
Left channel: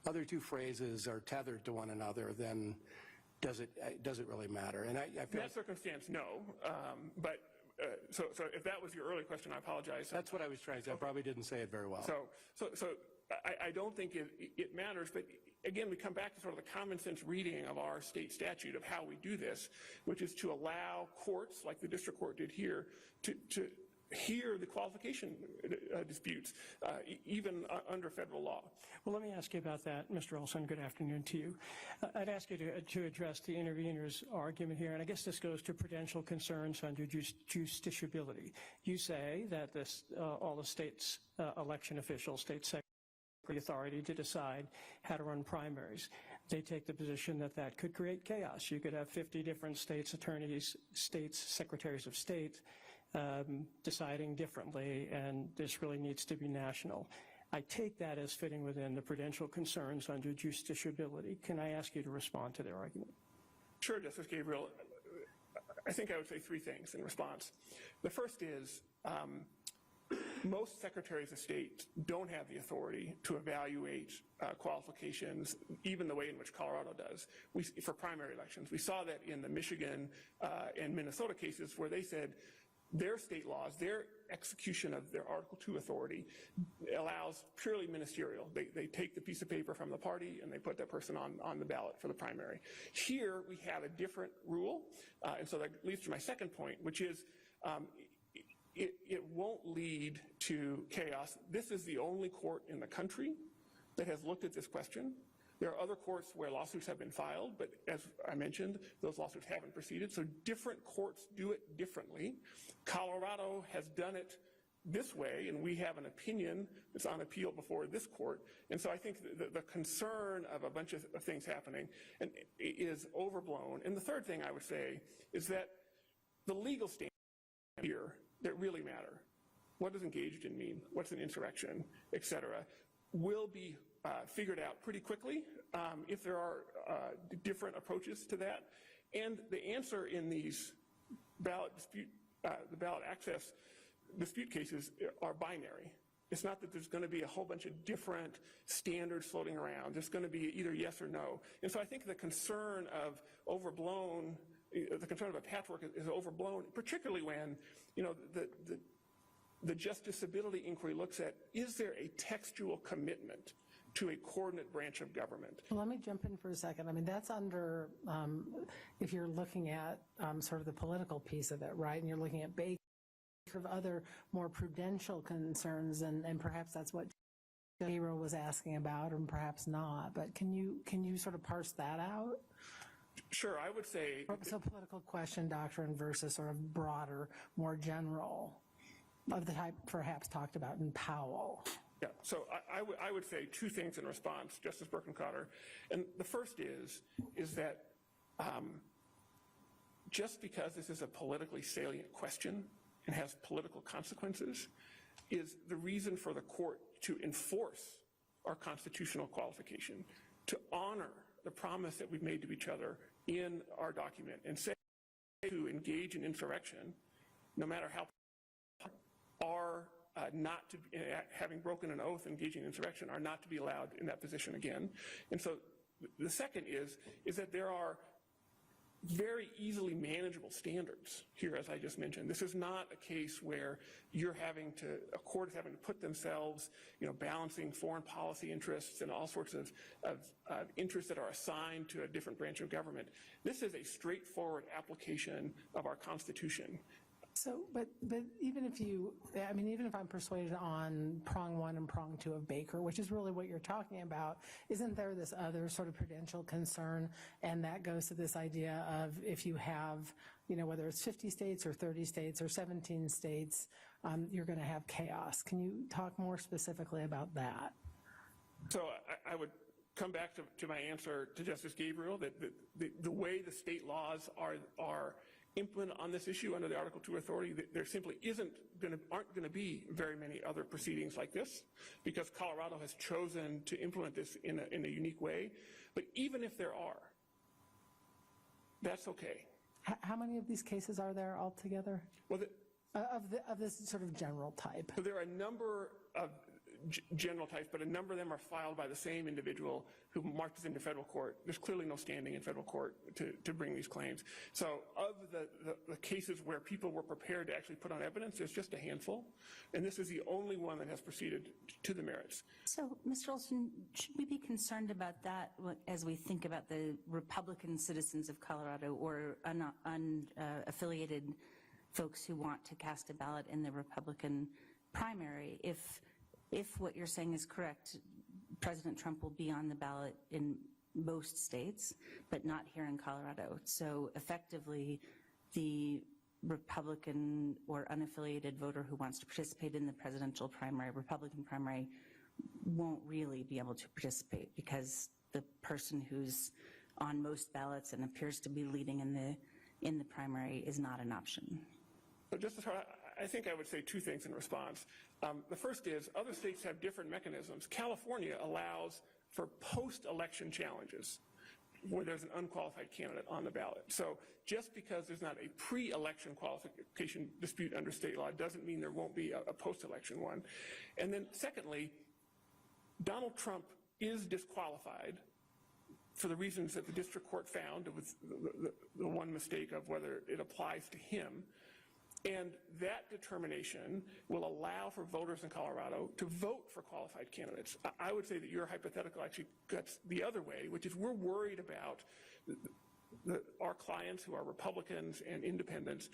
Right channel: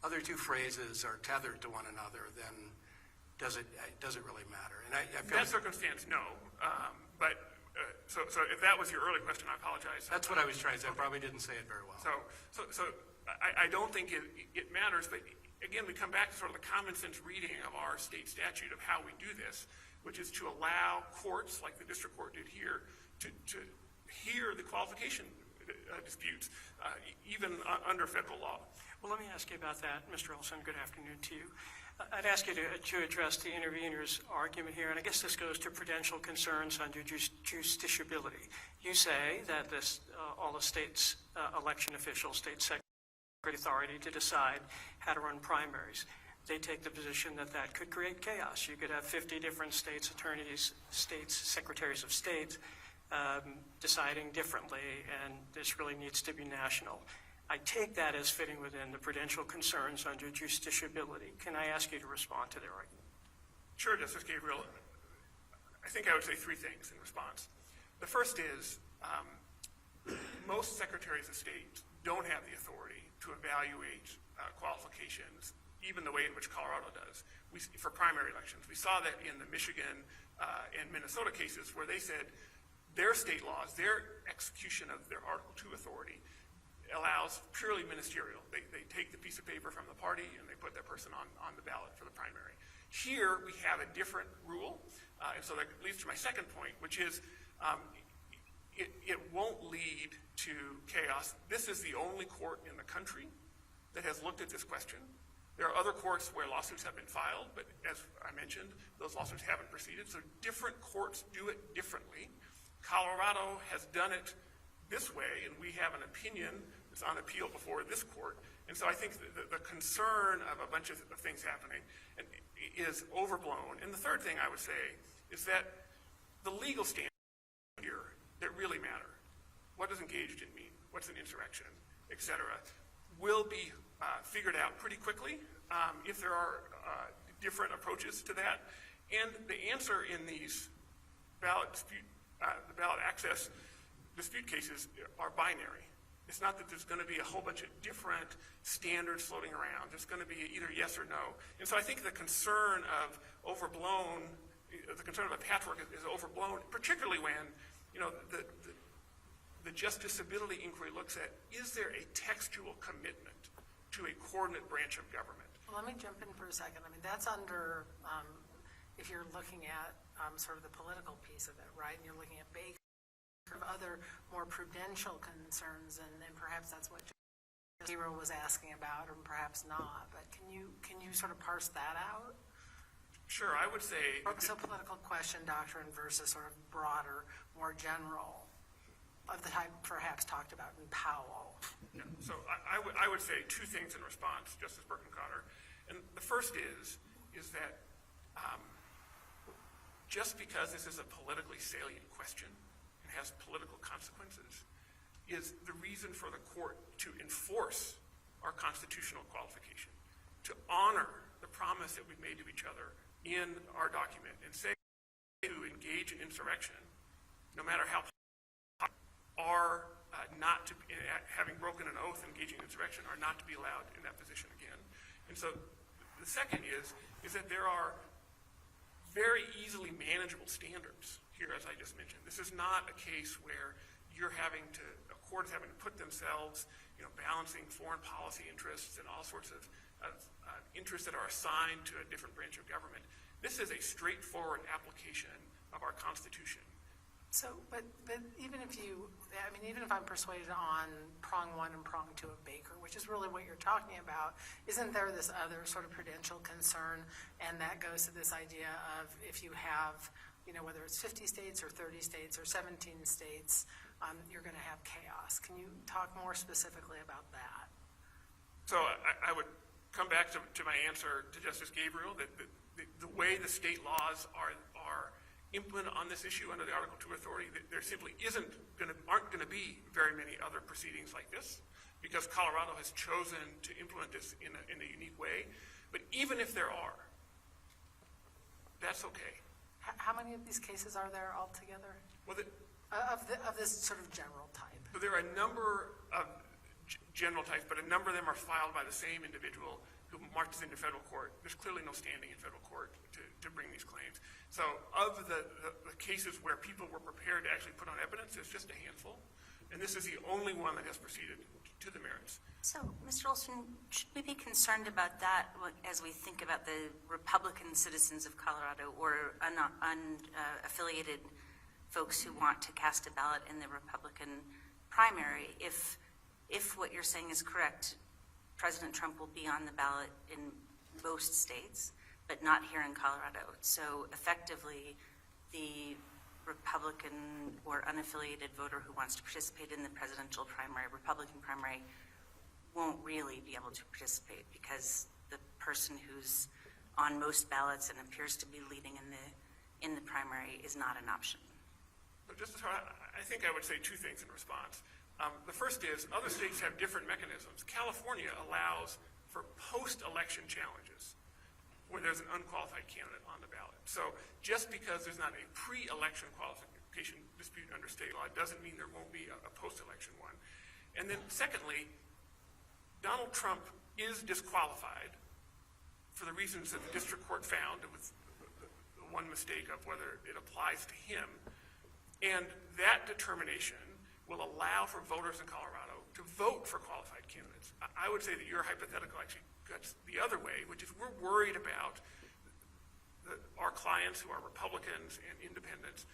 other 2 phrases are tethered to one another, then does it really matter? And in that circumstance, no. So if that was your earlier question, I apologize. That's what I was trying to say. I probably didn't say it very well. So I don't think it matters, but again, we come back to sort of the common sense reading of our state statute of how we do this, which is to allow courts, like the district court did here, to hear the qualification disputes, even under federal law. Well, let me ask you about that, Mr. Olson. Good afternoon to you. I'd ask you to address the intervener's argument here, and I guess this goes to prudential concerns under justiciability. You say that all the state's election officials, state secretary authority to decide how to run primaries. They take the position that that could create chaos. You could have 50 different states attorneys, states secretaries of state deciding differently, and this really needs to be national. I take that as fitting within the prudential concerns under justiciability. Can I ask you to respond to their argument? Sure, Justice Gabriel. I think I would say three things in response. The first is most secretaries of state don't have the authority to evaluate qualifications, even the way in which Colorado does, for primary elections. We saw that in the Michigan and Minnesota cases where they said their state laws, their execution of their Article II authority allows purely ministerial. They take the piece of paper from the party and they put that person on the ballot for the primary. Here we have a different rule, and so that leads to my second point, which is it won't lead to chaos. This is the only court in the country that has looked at this question. There are other courts where lawsuits have been filed, but as I mentioned, those lawsuits haven't proceeded, so different courts do it differently. Colorado has done it this way, and we have an opinion that's on appeal before this court. And so I think the concern of a bunch of things happening is overblown. And the third thing I would say is that the legal standards here that really matter, what does engaged in mean, what's an insurrection, et cetera, will be figured out pretty quickly if there are different approaches to that. And the answer in these ballot access dispute cases are binary. It's not that there's going to be a whole bunch of different standards floating around. It's going to be either yes or no. And so I think the concern of overblown, the concern of a patchwork is overblown, particularly when, you know, the justiciability inquiry looks at, is there a textual commitment to a coordinate branch of government? Well, let me jump in for a second. I mean, that's under, if you're looking at sort of the political piece of it, right? And you're looking at Baker, of other more prudential concerns, and perhaps that's what Zero was asking about, and perhaps not. But can you sort of parse that out? Sure, I would say. So political question doctrine versus sort of broader, more general, of the type perhaps talked about in Powell. Yeah, so I would say two things in response, Justice Birkenkotter. And the first is that just because this is a politically salient question and has political consequences is the reason for the court to enforce our constitutional qualification, to honor the promise that we made to each other in our document, and say to engage in insurrection, no matter how are not to, having broken an oath engaging in insurrection, are not to be allowed in that position again. And so the second is that there are very easily manageable standards here, as I just mentioned. This is not a case where you're having to, a court is having to put themselves, you know, balancing foreign policy interests and all sorts of interests that are assigned to a different branch of government. This is a straightforward application of our Constitution. So, but even if I'm persuaded on prong one and prong two of Baker, which is really what you're talking about, isn't there this other sort of prudential concern? And that goes to this idea of if you have, you know, whether it's 50 states or 30 states or 17 states, you're going to have chaos. Can you talk more specifically about that? So I would come back to my answer to Justice Gabriel, that the way the state laws are implement on this issue under the Article II authority, there simply aren't going to be very many other proceedings like this, because Colorado has chosen to implement this in a unique way. But even if there are, that's okay. How many of these cases are there altogether? Well, of this sort of general type? Well, there are a number of general types, but a number of them are filed by the same individual who marches into federal court. There's clearly no standing in federal court to bring these claims. So of the cases where people were prepared to actually put on evidence is just a handful. And this is the only one that has proceeded to the merits. So, Mr. Olson, should we be concerned about that as we think about the Republican citizens of Colorado or unaffiliated folks who want to cast a ballot in the Republican primary? If what you're saying is correct, President Trump will be on the ballot in most states, but not here in Colorado. So effectively, the Republican or unaffiliated voter who wants to participate in the presidential primary, Republican primary, won't really be able to participate because the person who's on most ballots and appears to be leading in the primary is not an option. But just I think I would say two things in response. The first is other states have different mechanisms. California allows for post-election challenges when there's an unqualified candidate on the ballot. So just because there's not a pre-election qualification dispute under state law doesn't mean there won't be a post-election one. And then secondly, Donald Trump is disqualified for the reasons that the district court found. It was the one mistake of whether it applies to him. And that determination will allow for voters in Colorado to vote for qualified candidates. I would say that your hypothetical actually cuts the other way, which is we're worried about our clients who are Republicans and independents.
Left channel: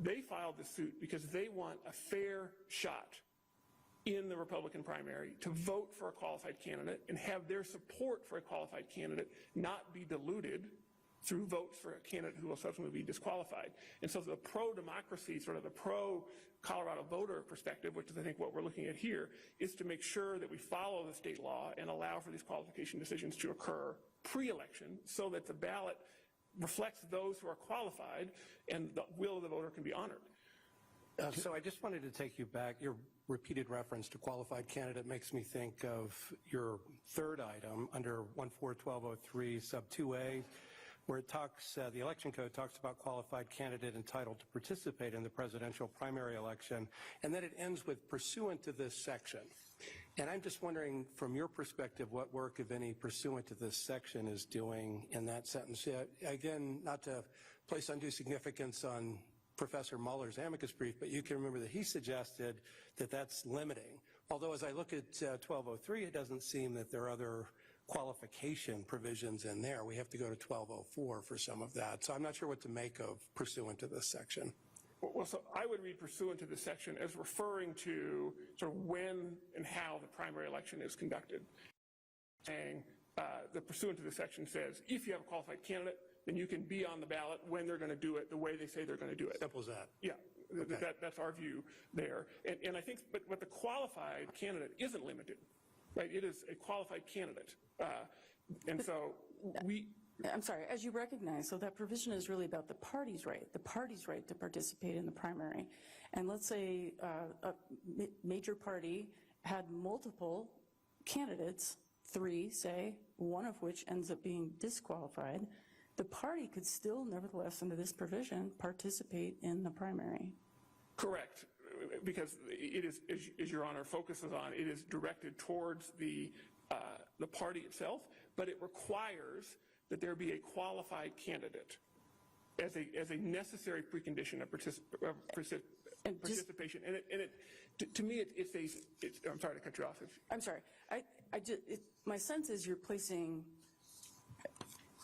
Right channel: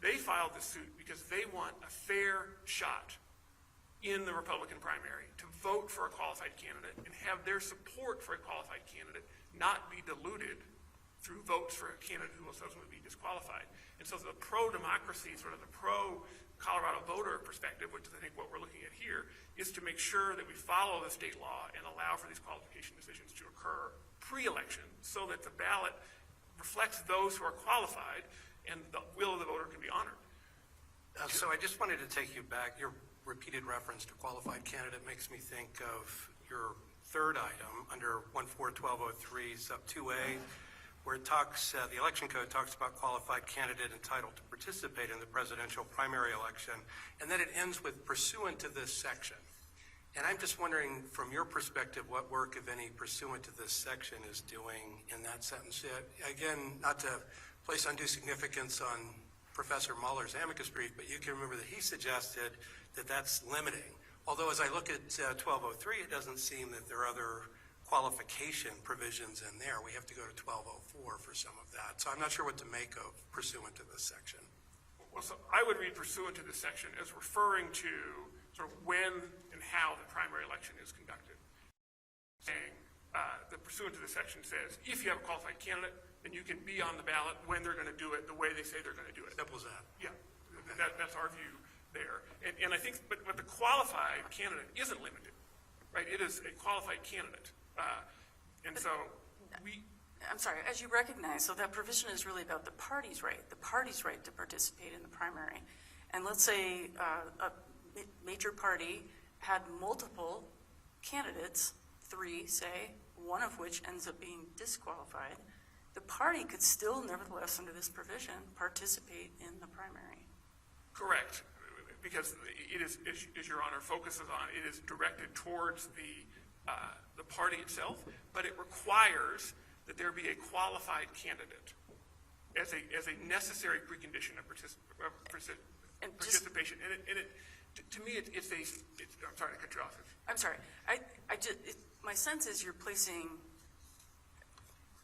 They filed this suit because they want a fair shot in the Republican primary to vote for a qualified candidate and have their support for a qualified candidate not be diluted through votes for a candidate who will subsequently be disqualified. And so the pro-democracy, sort of the pro-Colorado voter perspective, which is I think what we're looking at here, is to make sure that we follow the state law and allow for these qualification decisions to occur pre-election so that the ballot reflects those who are qualified and the will of the voter can be honored. So I just wanted to take you back. Your repeated reference to qualified candidate makes me think of your third item under 141203 sub 2A, where it talks, the election code talks about qualified candidate entitled to participate in the presidential primary election, and then it ends with pursuant to this section. And I'm just wondering, from your perspective, what work, if any, pursuant to this section is doing in that sentence. Again, not to place undue significance on Professor Mueller's amicus brief, but you can remember that he suggested that that's limiting. Although as I look at 1203, it doesn't seem that there are other qualification provisions in there. We have to go to 1204 for some of that. So I'm not sure what to make of pursuant to this section. Well, so I would read pursuant to this section as referring to sort of when and how the primary election is conducted. Saying the pursuant to this section says, if you have a qualified candidate, then you can be on the ballot when they're going to do it the way they say they're going to do it. Simple as that. Yeah, that's our view there. And I think, but the qualified candidate isn't limited, right? It is a qualified candidate. And so I'm sorry, as you recognize, so that provision is really about the party's right to participate in the primary. And let's say a major party had multiple candidates, 3, say, one of which ends up being disqualified. The party could still, nevertheless, under this provision, participate in the primary. Correct, because it is, as Your Honor focuses on, it is directed towards the party itself, but it requires that there be a qualified candidate as a necessary precondition of participation. And to me, it's I'm sorry to cut you off. I'm sorry. My sense is you're placing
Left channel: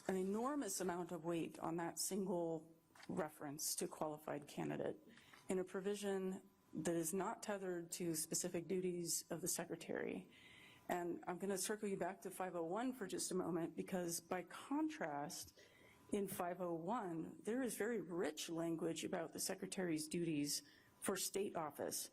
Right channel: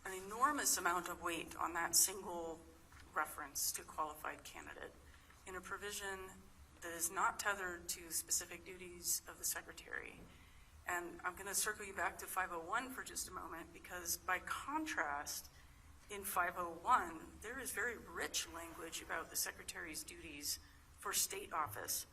an enormous amount of weight on that single reference to qualified candidate in a provision that is not tethered to specific duties of the secretary. And I'm going to circle you back to 501 for just a moment, because by contrast, in 501, there is very rich language about the secretary's duties for state office.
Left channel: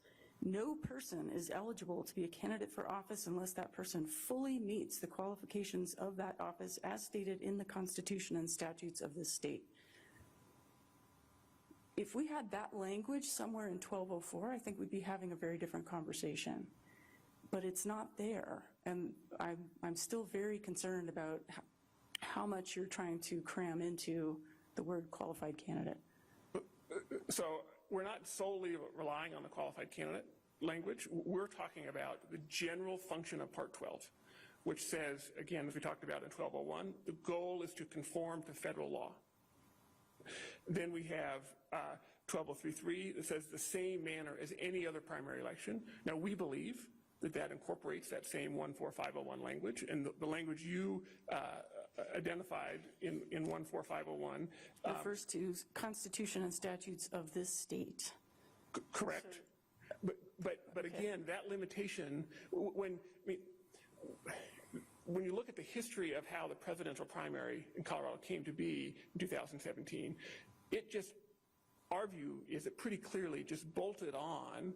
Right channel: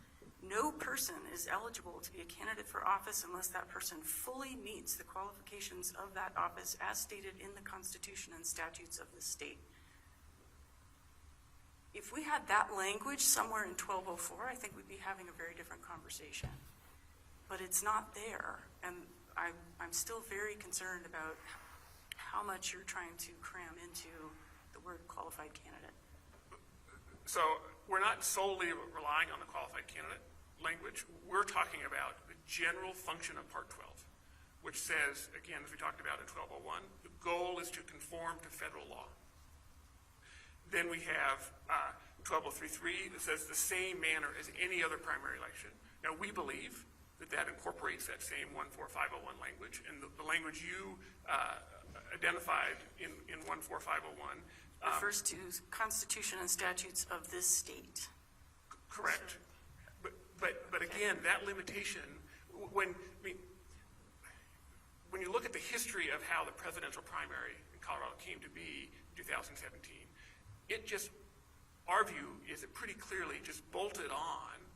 No person is eligible to be a candidate for office unless that person fully meets the qualifications of that office as stated in the Constitution and statutes of the state. If we had that language somewhere in 1204, I think we'd be having a very different conversation. But it's not there, and I'm still very concerned about how much you're trying to cram into the word qualified candidate. So we're not solely relying on the qualified candidate language. We're talking about the general function of Part 12, which says, again, as we talked about in 1201, the goal is to conform to federal law. Then we have 12033 that says the same manner as any other primary election. Now, we believe that incorporates that same 14501 language, and the language you identified in 14501. Refers to Constitution and statutes of this state. Correct. But again, that limitation, when you look at the history of how the presidential primary in Colorado came to be in 2017, our view is it pretty clearly just bolted on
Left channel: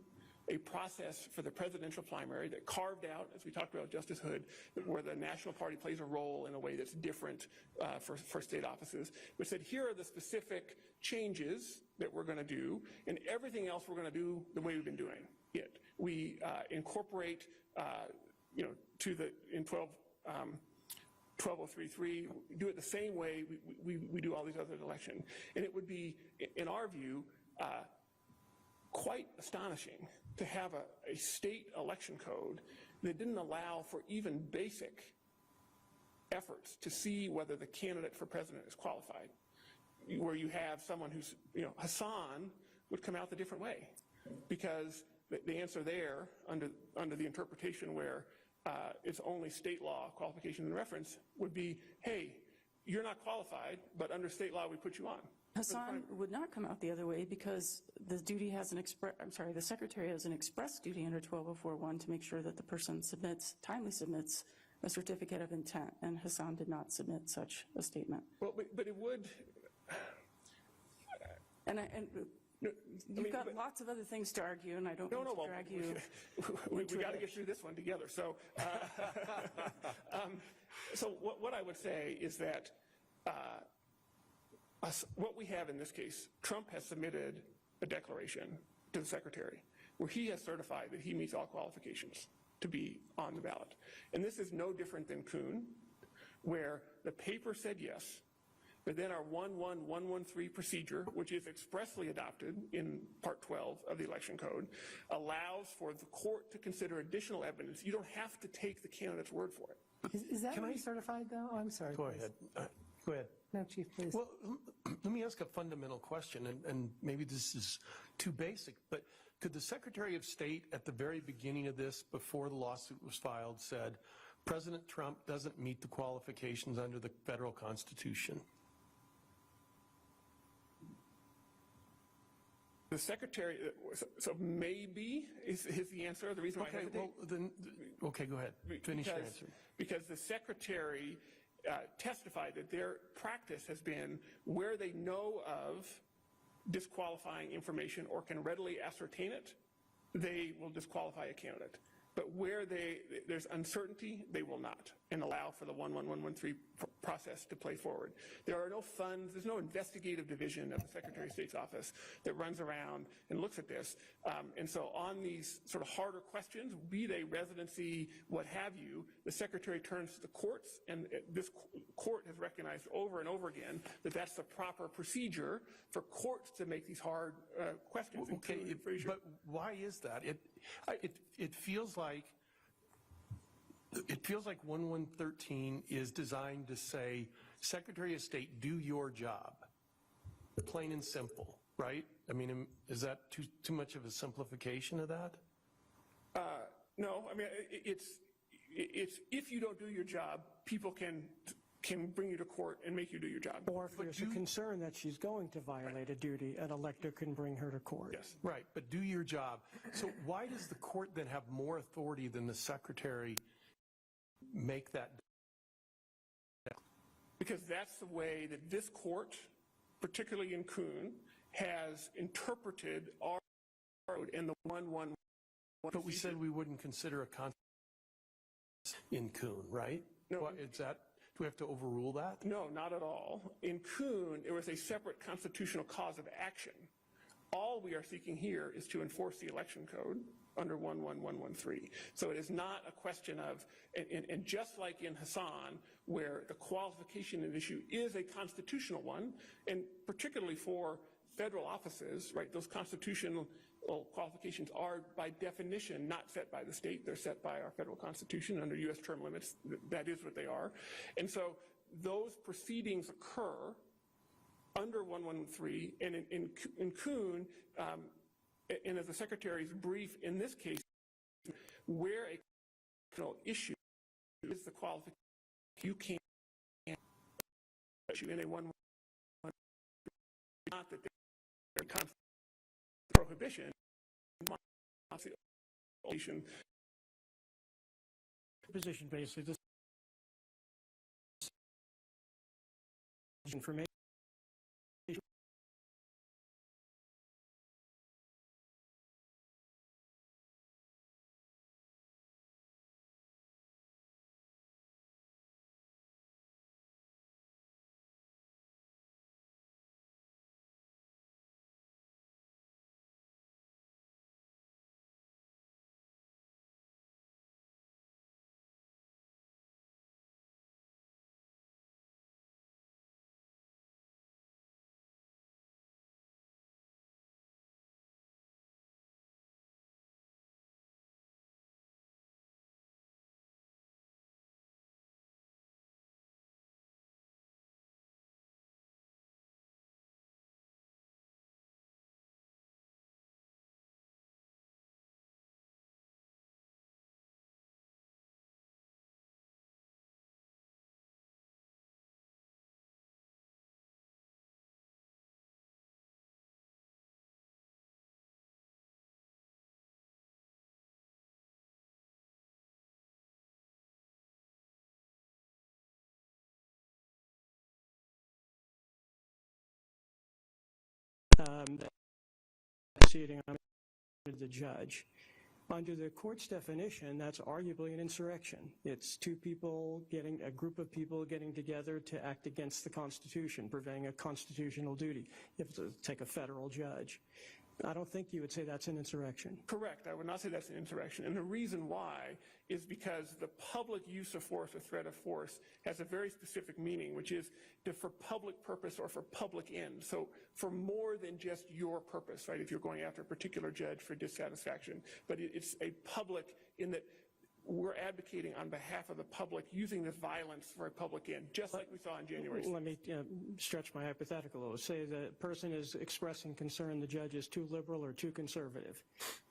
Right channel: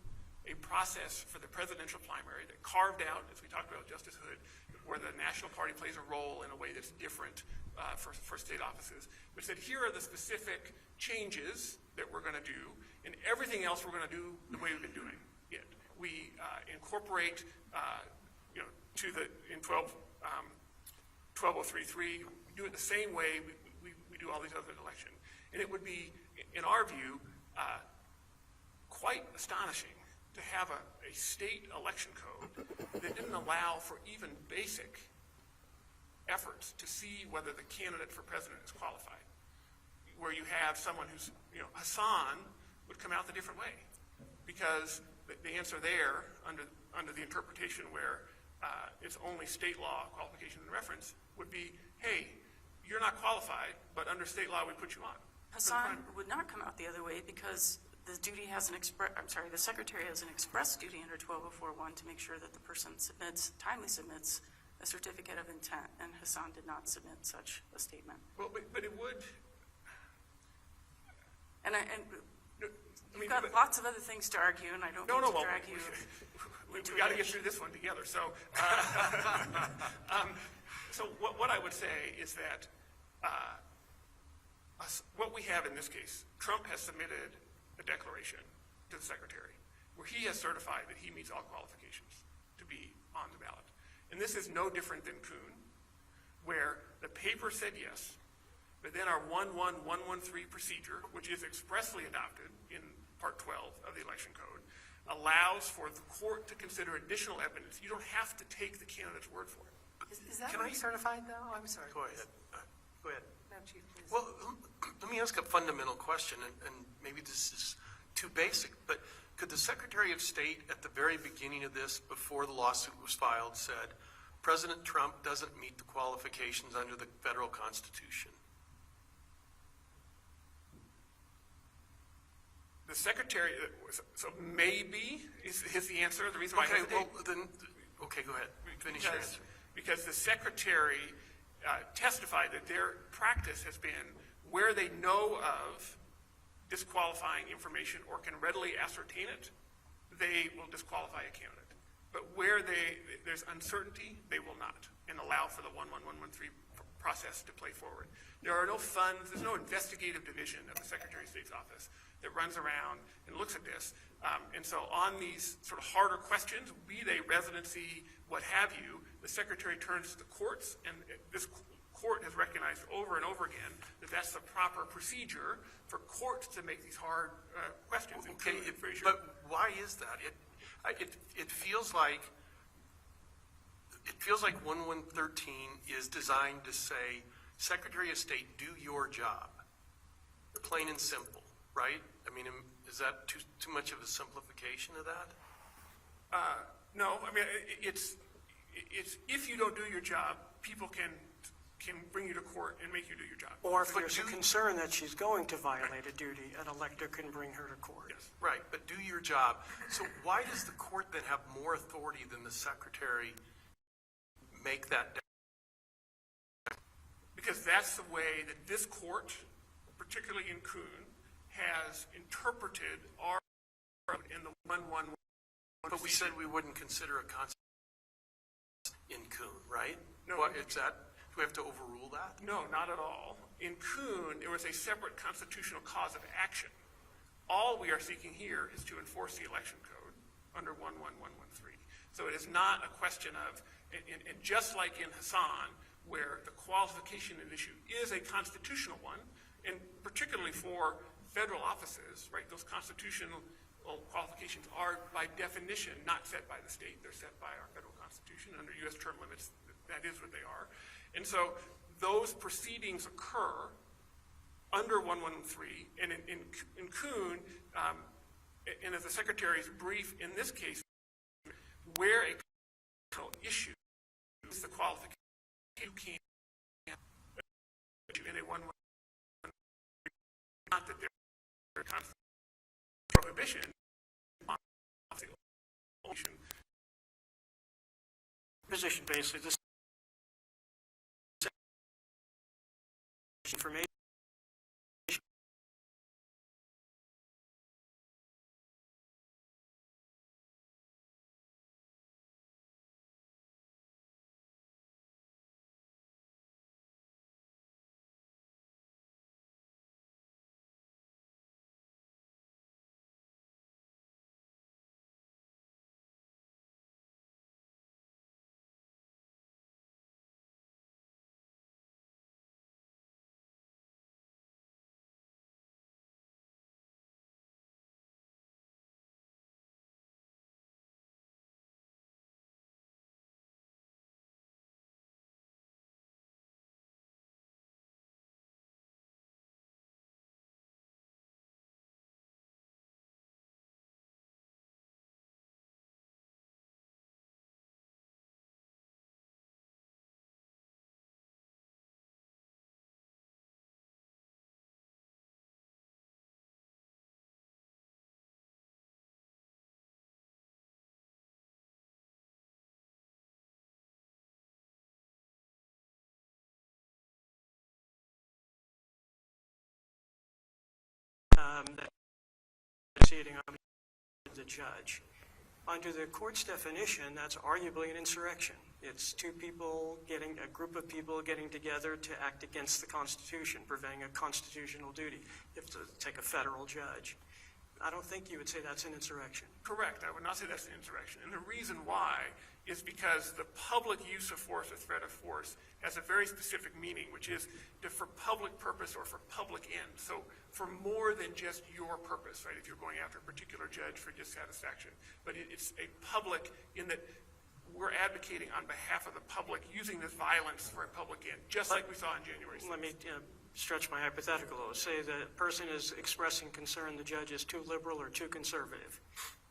a process for the presidential primary that carved out, as we talked about Justice Hood, where the national party plays a role in a way that's different for state offices. But said, here are the specific changes that we're going to do, and everything else we're going to do the way we've been doing it. We incorporate, in 12033, do it the same way we do all these other elections. And it would be, in our view, quite astonishing to have a state election code that didn't allow for even basic efforts to see whether the candidate for president is qualified. Where you have someone who's, Hassan would come out the different way, because the answer there, under the interpretation where it's only state law qualification and reference, would be, hey, you're not qualified, but under state law we put you on. Hassan would not come out the other way because the secretary has an express duty under 12041 to make sure that the person timely submits a certificate of intent, and Hassan did not submit such a statement. Well, but it would. We've got lots of other things to argue, and I don't want to drag you. We got to get through this one together. So, what I would say is that what we have in this case, Trump has submitted a declaration to the secretary where he has certified that he meets all qualifications to be on the ballot. And this is no different than Kuhn, where the paper said yes, but then our 11113 procedure, which is expressly adopted in Part 12 of the Election Code, allows for the court to consider additional evidence. You don't have to take the candidate's word for it. Is that certified though? I'm sorry. Go ahead. Go ahead. No, Chief, please. Well, let me ask a fundamental question, and maybe this is too basic, but could the Secretary of State at the very beginning of this, before the lawsuit was filed, said, President Trump doesn't meet the qualifications under the federal Constitution? The secretary, so maybe is the answer. The reason why Okay, go ahead. Finish your answer. Because the secretary testified that their practice has been where they know of disqualifying information or can readily ascertain it, they will disqualify a candidate. But where there's uncertainty, they will not, and allow for the 11113 process to play forward. There are no funds, there's no investigative division of the Secretary of State's office that runs around and looks at this. And so on these sort of harder questions, be they residency, what have you, the Secretary turns to the courts, and this court has recognized over and over again that that's the proper procedure for courts to make these hard questions. Okay, but why is that? It feels like 1113 is designed to say, Secretary of State, do your job, plain and simple, right? I mean, is that too much of a simplification of that? No, I mean, it's if you don't do your job, people can bring you to court and make you do your job. Or if there's a concern that she's going to violate a duty, an elector can bring her to court. Yes. Right, but do your job. So why does the court then have more authority than the secretary make that? Because that's the way that this court, particularly in Kuhn, has interpreted our in the 111. But we said we wouldn't consider a constitution in Kuhn, right? No. What is that? Do we have to overrule that? No, not at all. In Kuhn, there was a separate constitutional cause of action. All we are seeking here is to enforce the election code under 11113. So it is not a question of, and just like in Hassan, where the qualification issue is a constitutional one, and particularly for federal offices, right, those constitutional qualifications are by definition not set by the state, they're set by our federal constitution under U.S. term limits, that is what they are. And so those proceedings occur under 113, and in Kuhn, and as the Secretary's brief in this case, where a constitutional issue is the qualification, you can't issue in a 113, not that there's a prohibition, Position basically this information. Proceeding on the judge. Under the court's definition, that's arguably an insurrection. It's a group of people getting together to act against the Constitution, preventing a constitutional duty. You have to take a federal judge. I don't think you would say that's an insurrection. Correct. I would not say that's an insurrection. And the reason why is because the public use of force or threat of force has a very specific meaning, which is for public purpose or for public ends. So for more than just your purpose, right, if you're going after a particular judge for dissatisfaction. But it's a public in that we're advocating on behalf of the public using this violence for a public end, just like we saw on January 6th. Let me stretch my hypothetical. Say the person is expressing concern the judge is too liberal or too conservative.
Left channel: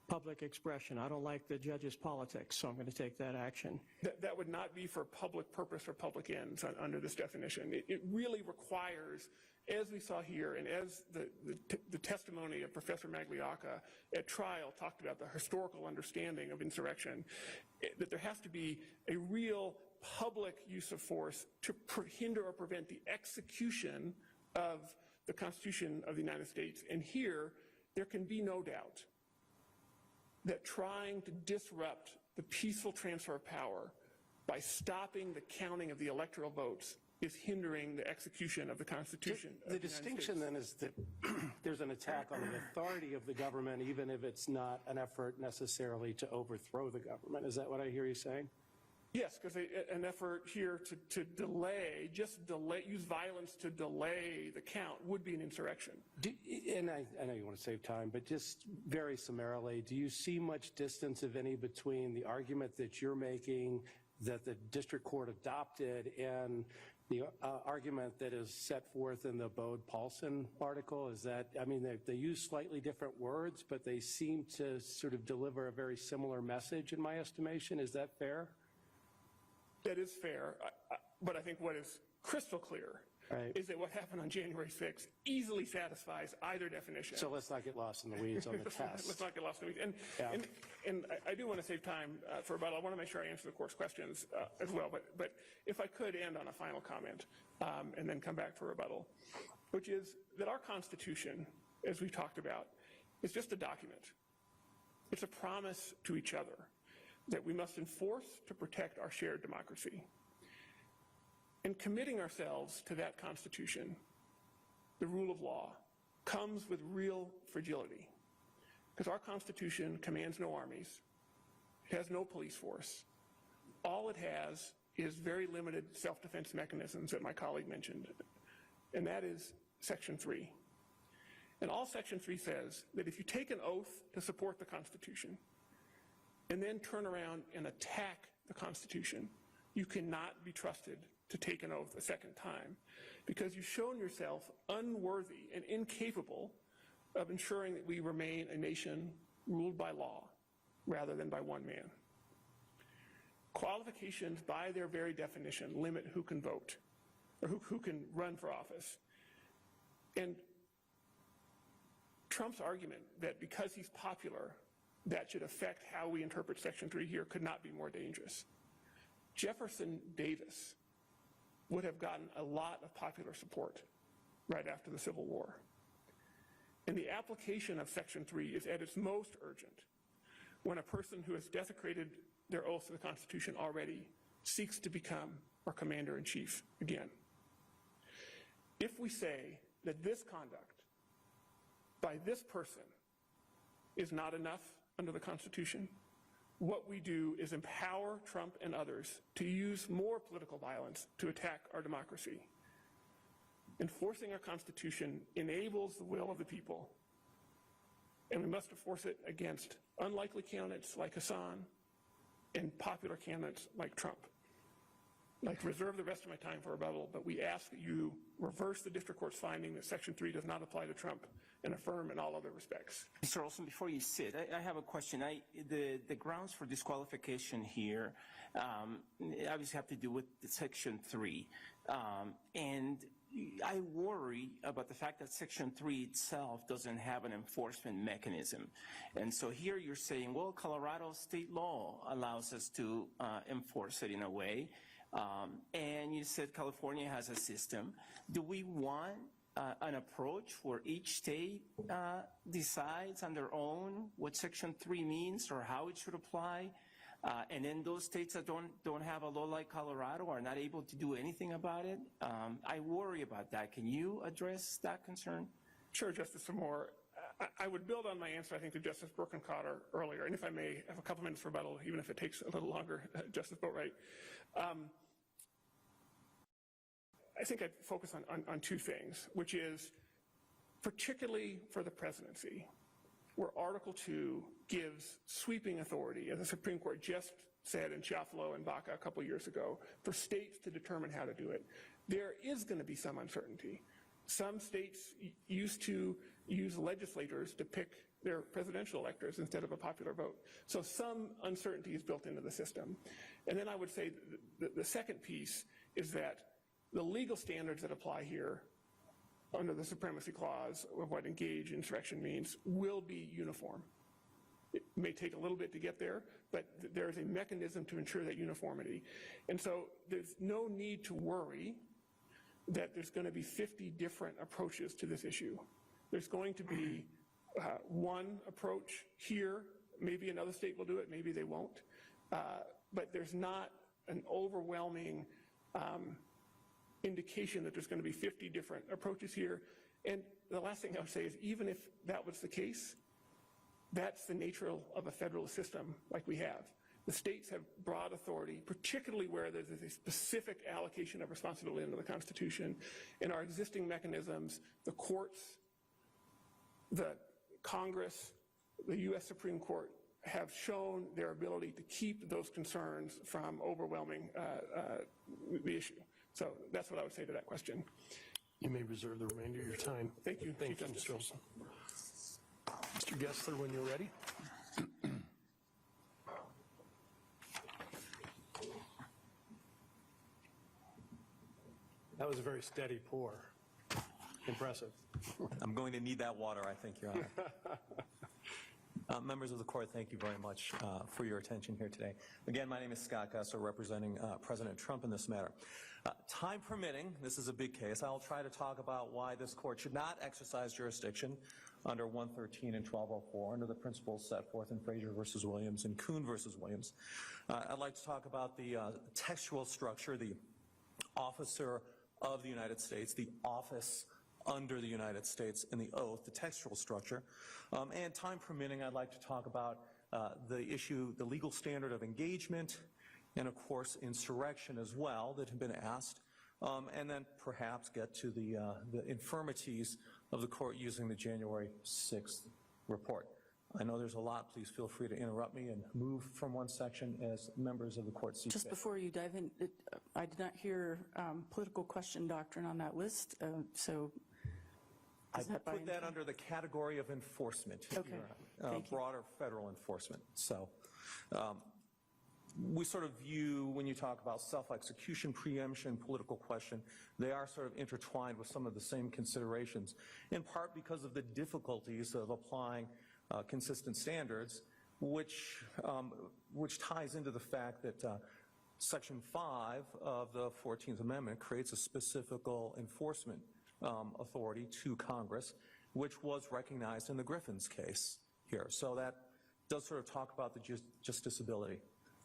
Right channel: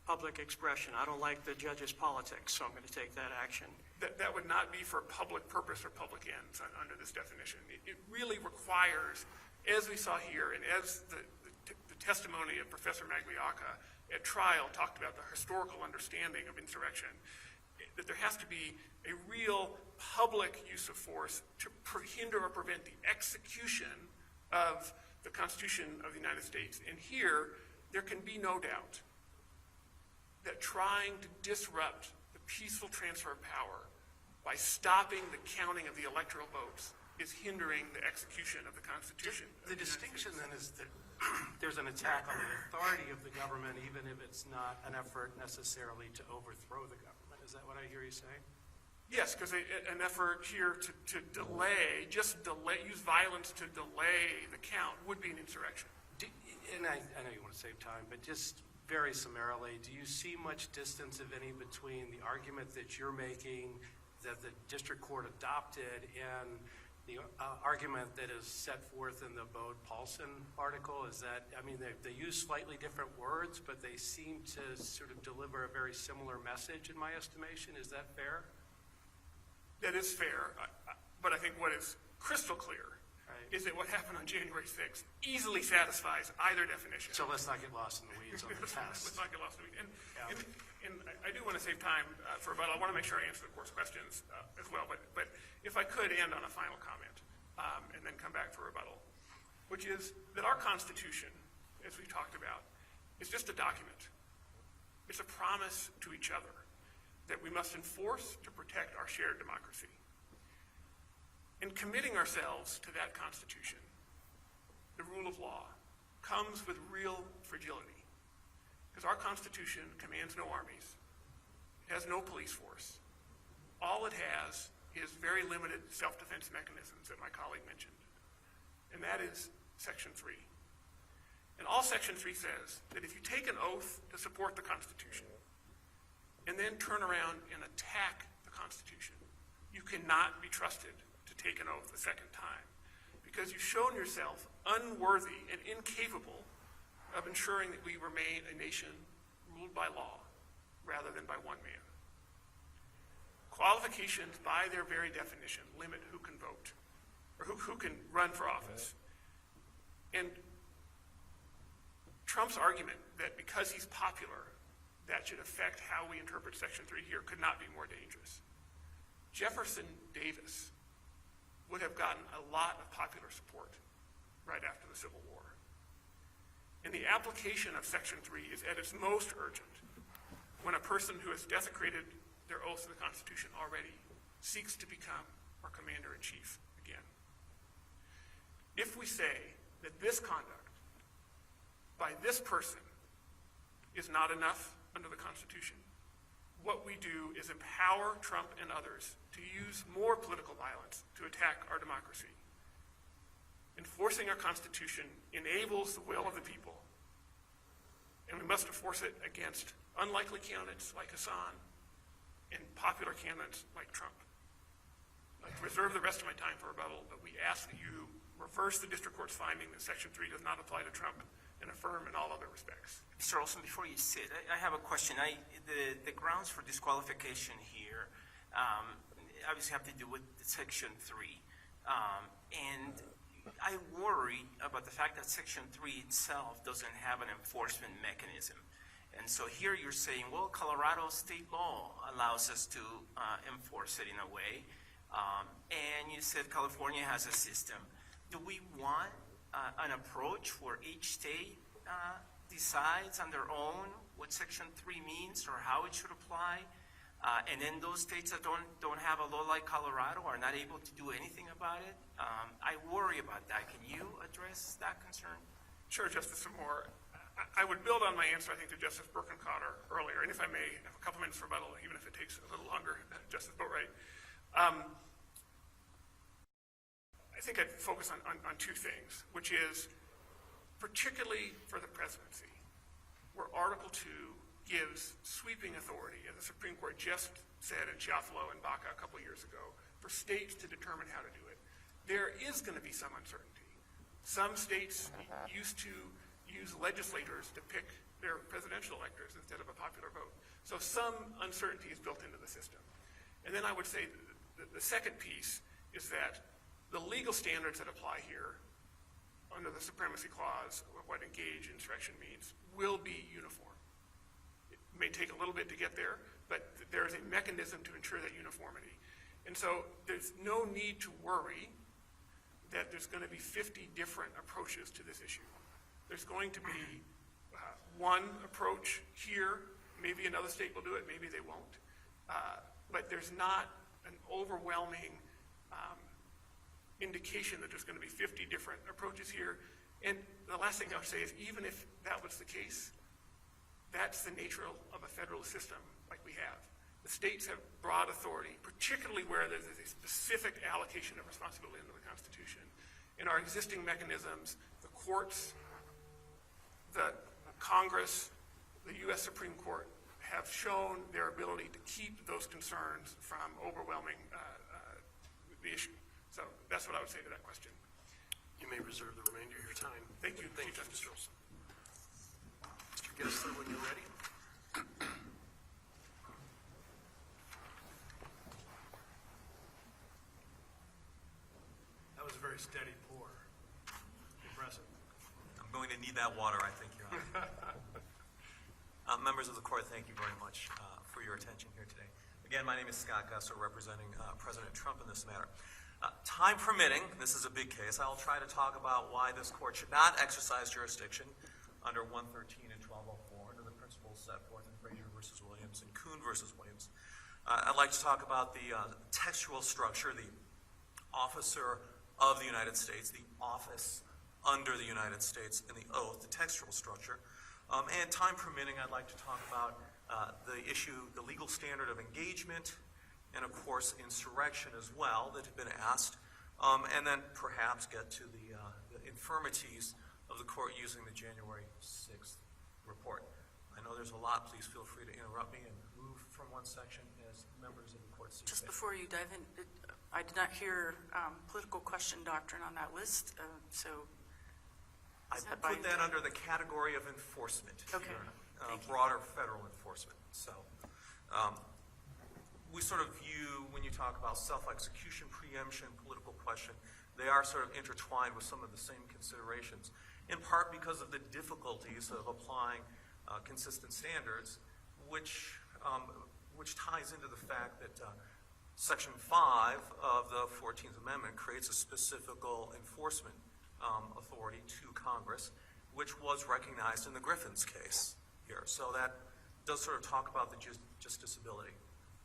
Public expression. I don't like the judge's politics, so I'm going to take that action. That would not be for public purpose or public ends under this definition. It really requires, as we saw here, and as the testimony of Professor Magliocca at trial talked about the historical understanding of insurrection, that there has to be a real public use of force to hinder or prevent the execution of the Constitution of the United States. And here, there can be no doubt that trying to disrupt the peaceful transfer of power by stopping the counting of the electoral votes is hindering the execution of the Constitution. The distinction then is that there's an attack on the authority of the government, even if it's not an effort necessarily to overthrow the government. Is that what I hear you saying? Yes, because an effort here to use violence to delay the count would be an insurrection. And I know you want to save time, but just very summarily, do you see much distance, if any, between the argument that you're making that the district court adopted and the argument that is set forth in the Bode-Paulson article? Is that, I mean, they use slightly different words, but they seem to sort of deliver a very similar message in my estimation. Is that fair? That is fair, but I think what is crystal clear is that what happened on January 6th easily satisfies either definition. So let's not get lost in the weeds on the test. Let's not get lost in the weeds. And I do want to save time for about, I want to make sure I answer the court's questions as well, but if I could end on a final comment and then come back for rebuttal, which is that our Constitution, as we talked about, is just a document. It's a promise to each other that we must enforce to protect our shared democracy. And committing ourselves to that Constitution, the rule of law, comes with real fragility. Because our Constitution commands no armies, has no police force. All it has is very limited self-defense mechanisms that my colleague mentioned. And that is Section 3. And all Section 3 says that if you take an oath to support the Constitution and then turn around and attack the Constitution, you cannot be trusted to take an oath a second time. because you've shown yourself unworthy and incapable of ensuring that we remain a nation ruled by law rather than by one man. Qualifications, by their very definition, limit who can vote or who can run for office. And Trump's argument that because he's popular, that should affect how we interpret Section 3 here could not be more dangerous. Jefferson Davis would have gotten a lot of popular support right after the Civil War. And the application of Section 3 is at its most urgent when a person who has desecrated their oath to the Constitution already seeks to become our commander-in-chief again. If we say that this conduct by this person is not enough under the Constitution, what we do is empower Trump and others to use more political violence to attack our democracy. Enforcing our Constitution enables the will of the people, and we must enforce it against unlikely candidates like Hassan and popular candidates like Trump. I reserve the rest of my time for rebuttal, but we ask that you reverse the district court's finding that Section 3 does not apply to Trump and affirm in all other respects. Mr. Olson, before you sit, I have a question. The grounds for disqualification here obviously have to do with Section 3. And I worry about the fact that Section 3 itself doesn't have an enforcement mechanism. And so here you're saying, well, Colorado state law allows us to enforce it in a way. And you said California has a system. Do we want an approach where each state decides on their own what Section 3 means or how it should apply? And then those states that don't have a law like Colorado are not able to do anything about it? I worry about that. Can you address that concern? Sure, Justice Moore. I would build on my answer, I think, to Justice Birkencotter earlier, and if I may have a couple minutes for rebuttal, even if it takes a little longer, Justice Boatwright. I think I'd focus on two things, which is particularly for the presidency, where Article 2 gives sweeping authority, as the Supreme Court just said in Shuffalo and Baca a couple years ago, for states to determine how to do it. There is going to be some uncertainty. Some states used to use legislators to pick their presidential electors instead of a popular vote. So some uncertainty is built into the system. And then I would say the second piece is that the legal standards that apply here under the Supremacy Clause, or what engaged in insurrection means, will be uniform. It may take a little bit to get there, but there is a mechanism to ensure that uniformity. And so there's no need to worry that there's going to be 50 different approaches to this issue. There's going to be one approach here. Maybe another state will do it, maybe they won't. But there's not an overwhelming indication that there's going to be 50 different approaches here. And the last thing I would say is, even if that was the case, that's the nature of a federal system like we have. The states have broad authority, particularly where there's a specific allocation of responsibility under the Constitution. In our existing mechanisms, the courts, the Congress, the U.S. Supreme Court have shown their ability to keep those concerns from overwhelming the issue. So that's what I would say to that question. You may reserve the remainder of your time. Thank you. Thank you, Mr. Olson. Mr. Gessler, when you're ready. That was a very steady pour. Impressive. I'm going to need that water, I think, Your Honor. Members of the court, thank you very much for your attention here today. Again, my name is Scott Gessler, representing President Trump in this matter. Time permitting, this is a big case, I'll try to talk about why this court should not exercise jurisdiction under 113 and 1204 under the principles set forth in Frazier versus Williams and Kuhn versus Williams. I'd like to talk about the textual structure, the officer of the United States, the office under the United States, and the oath, the textual structure. And time permitting, I'd like to talk about the issue, the legal standard of engagement, and of course insurrection as well that have been asked, and then perhaps get to the infirmities of the court using the January 6th report. I know there's a lot. Please feel free to interrupt me and move from one section as members of the court see Just fit. before you dive in, I did not hear political question doctrine on that list, so. I would put that under the category of enforcement. Okay. Thank you. Broader federal enforcement. So we sort of view, when you talk about self-execution, preemption, political question, they are sort of intertwined with some of the same considerations, in part because of the difficulties of applying consistent standards, which ties into the fact that Section 5 of the 14th Amendment creates a specific enforcement authority to Congress, which was recognized in the Griffin's case here. So that does sort of talk about the justiciability.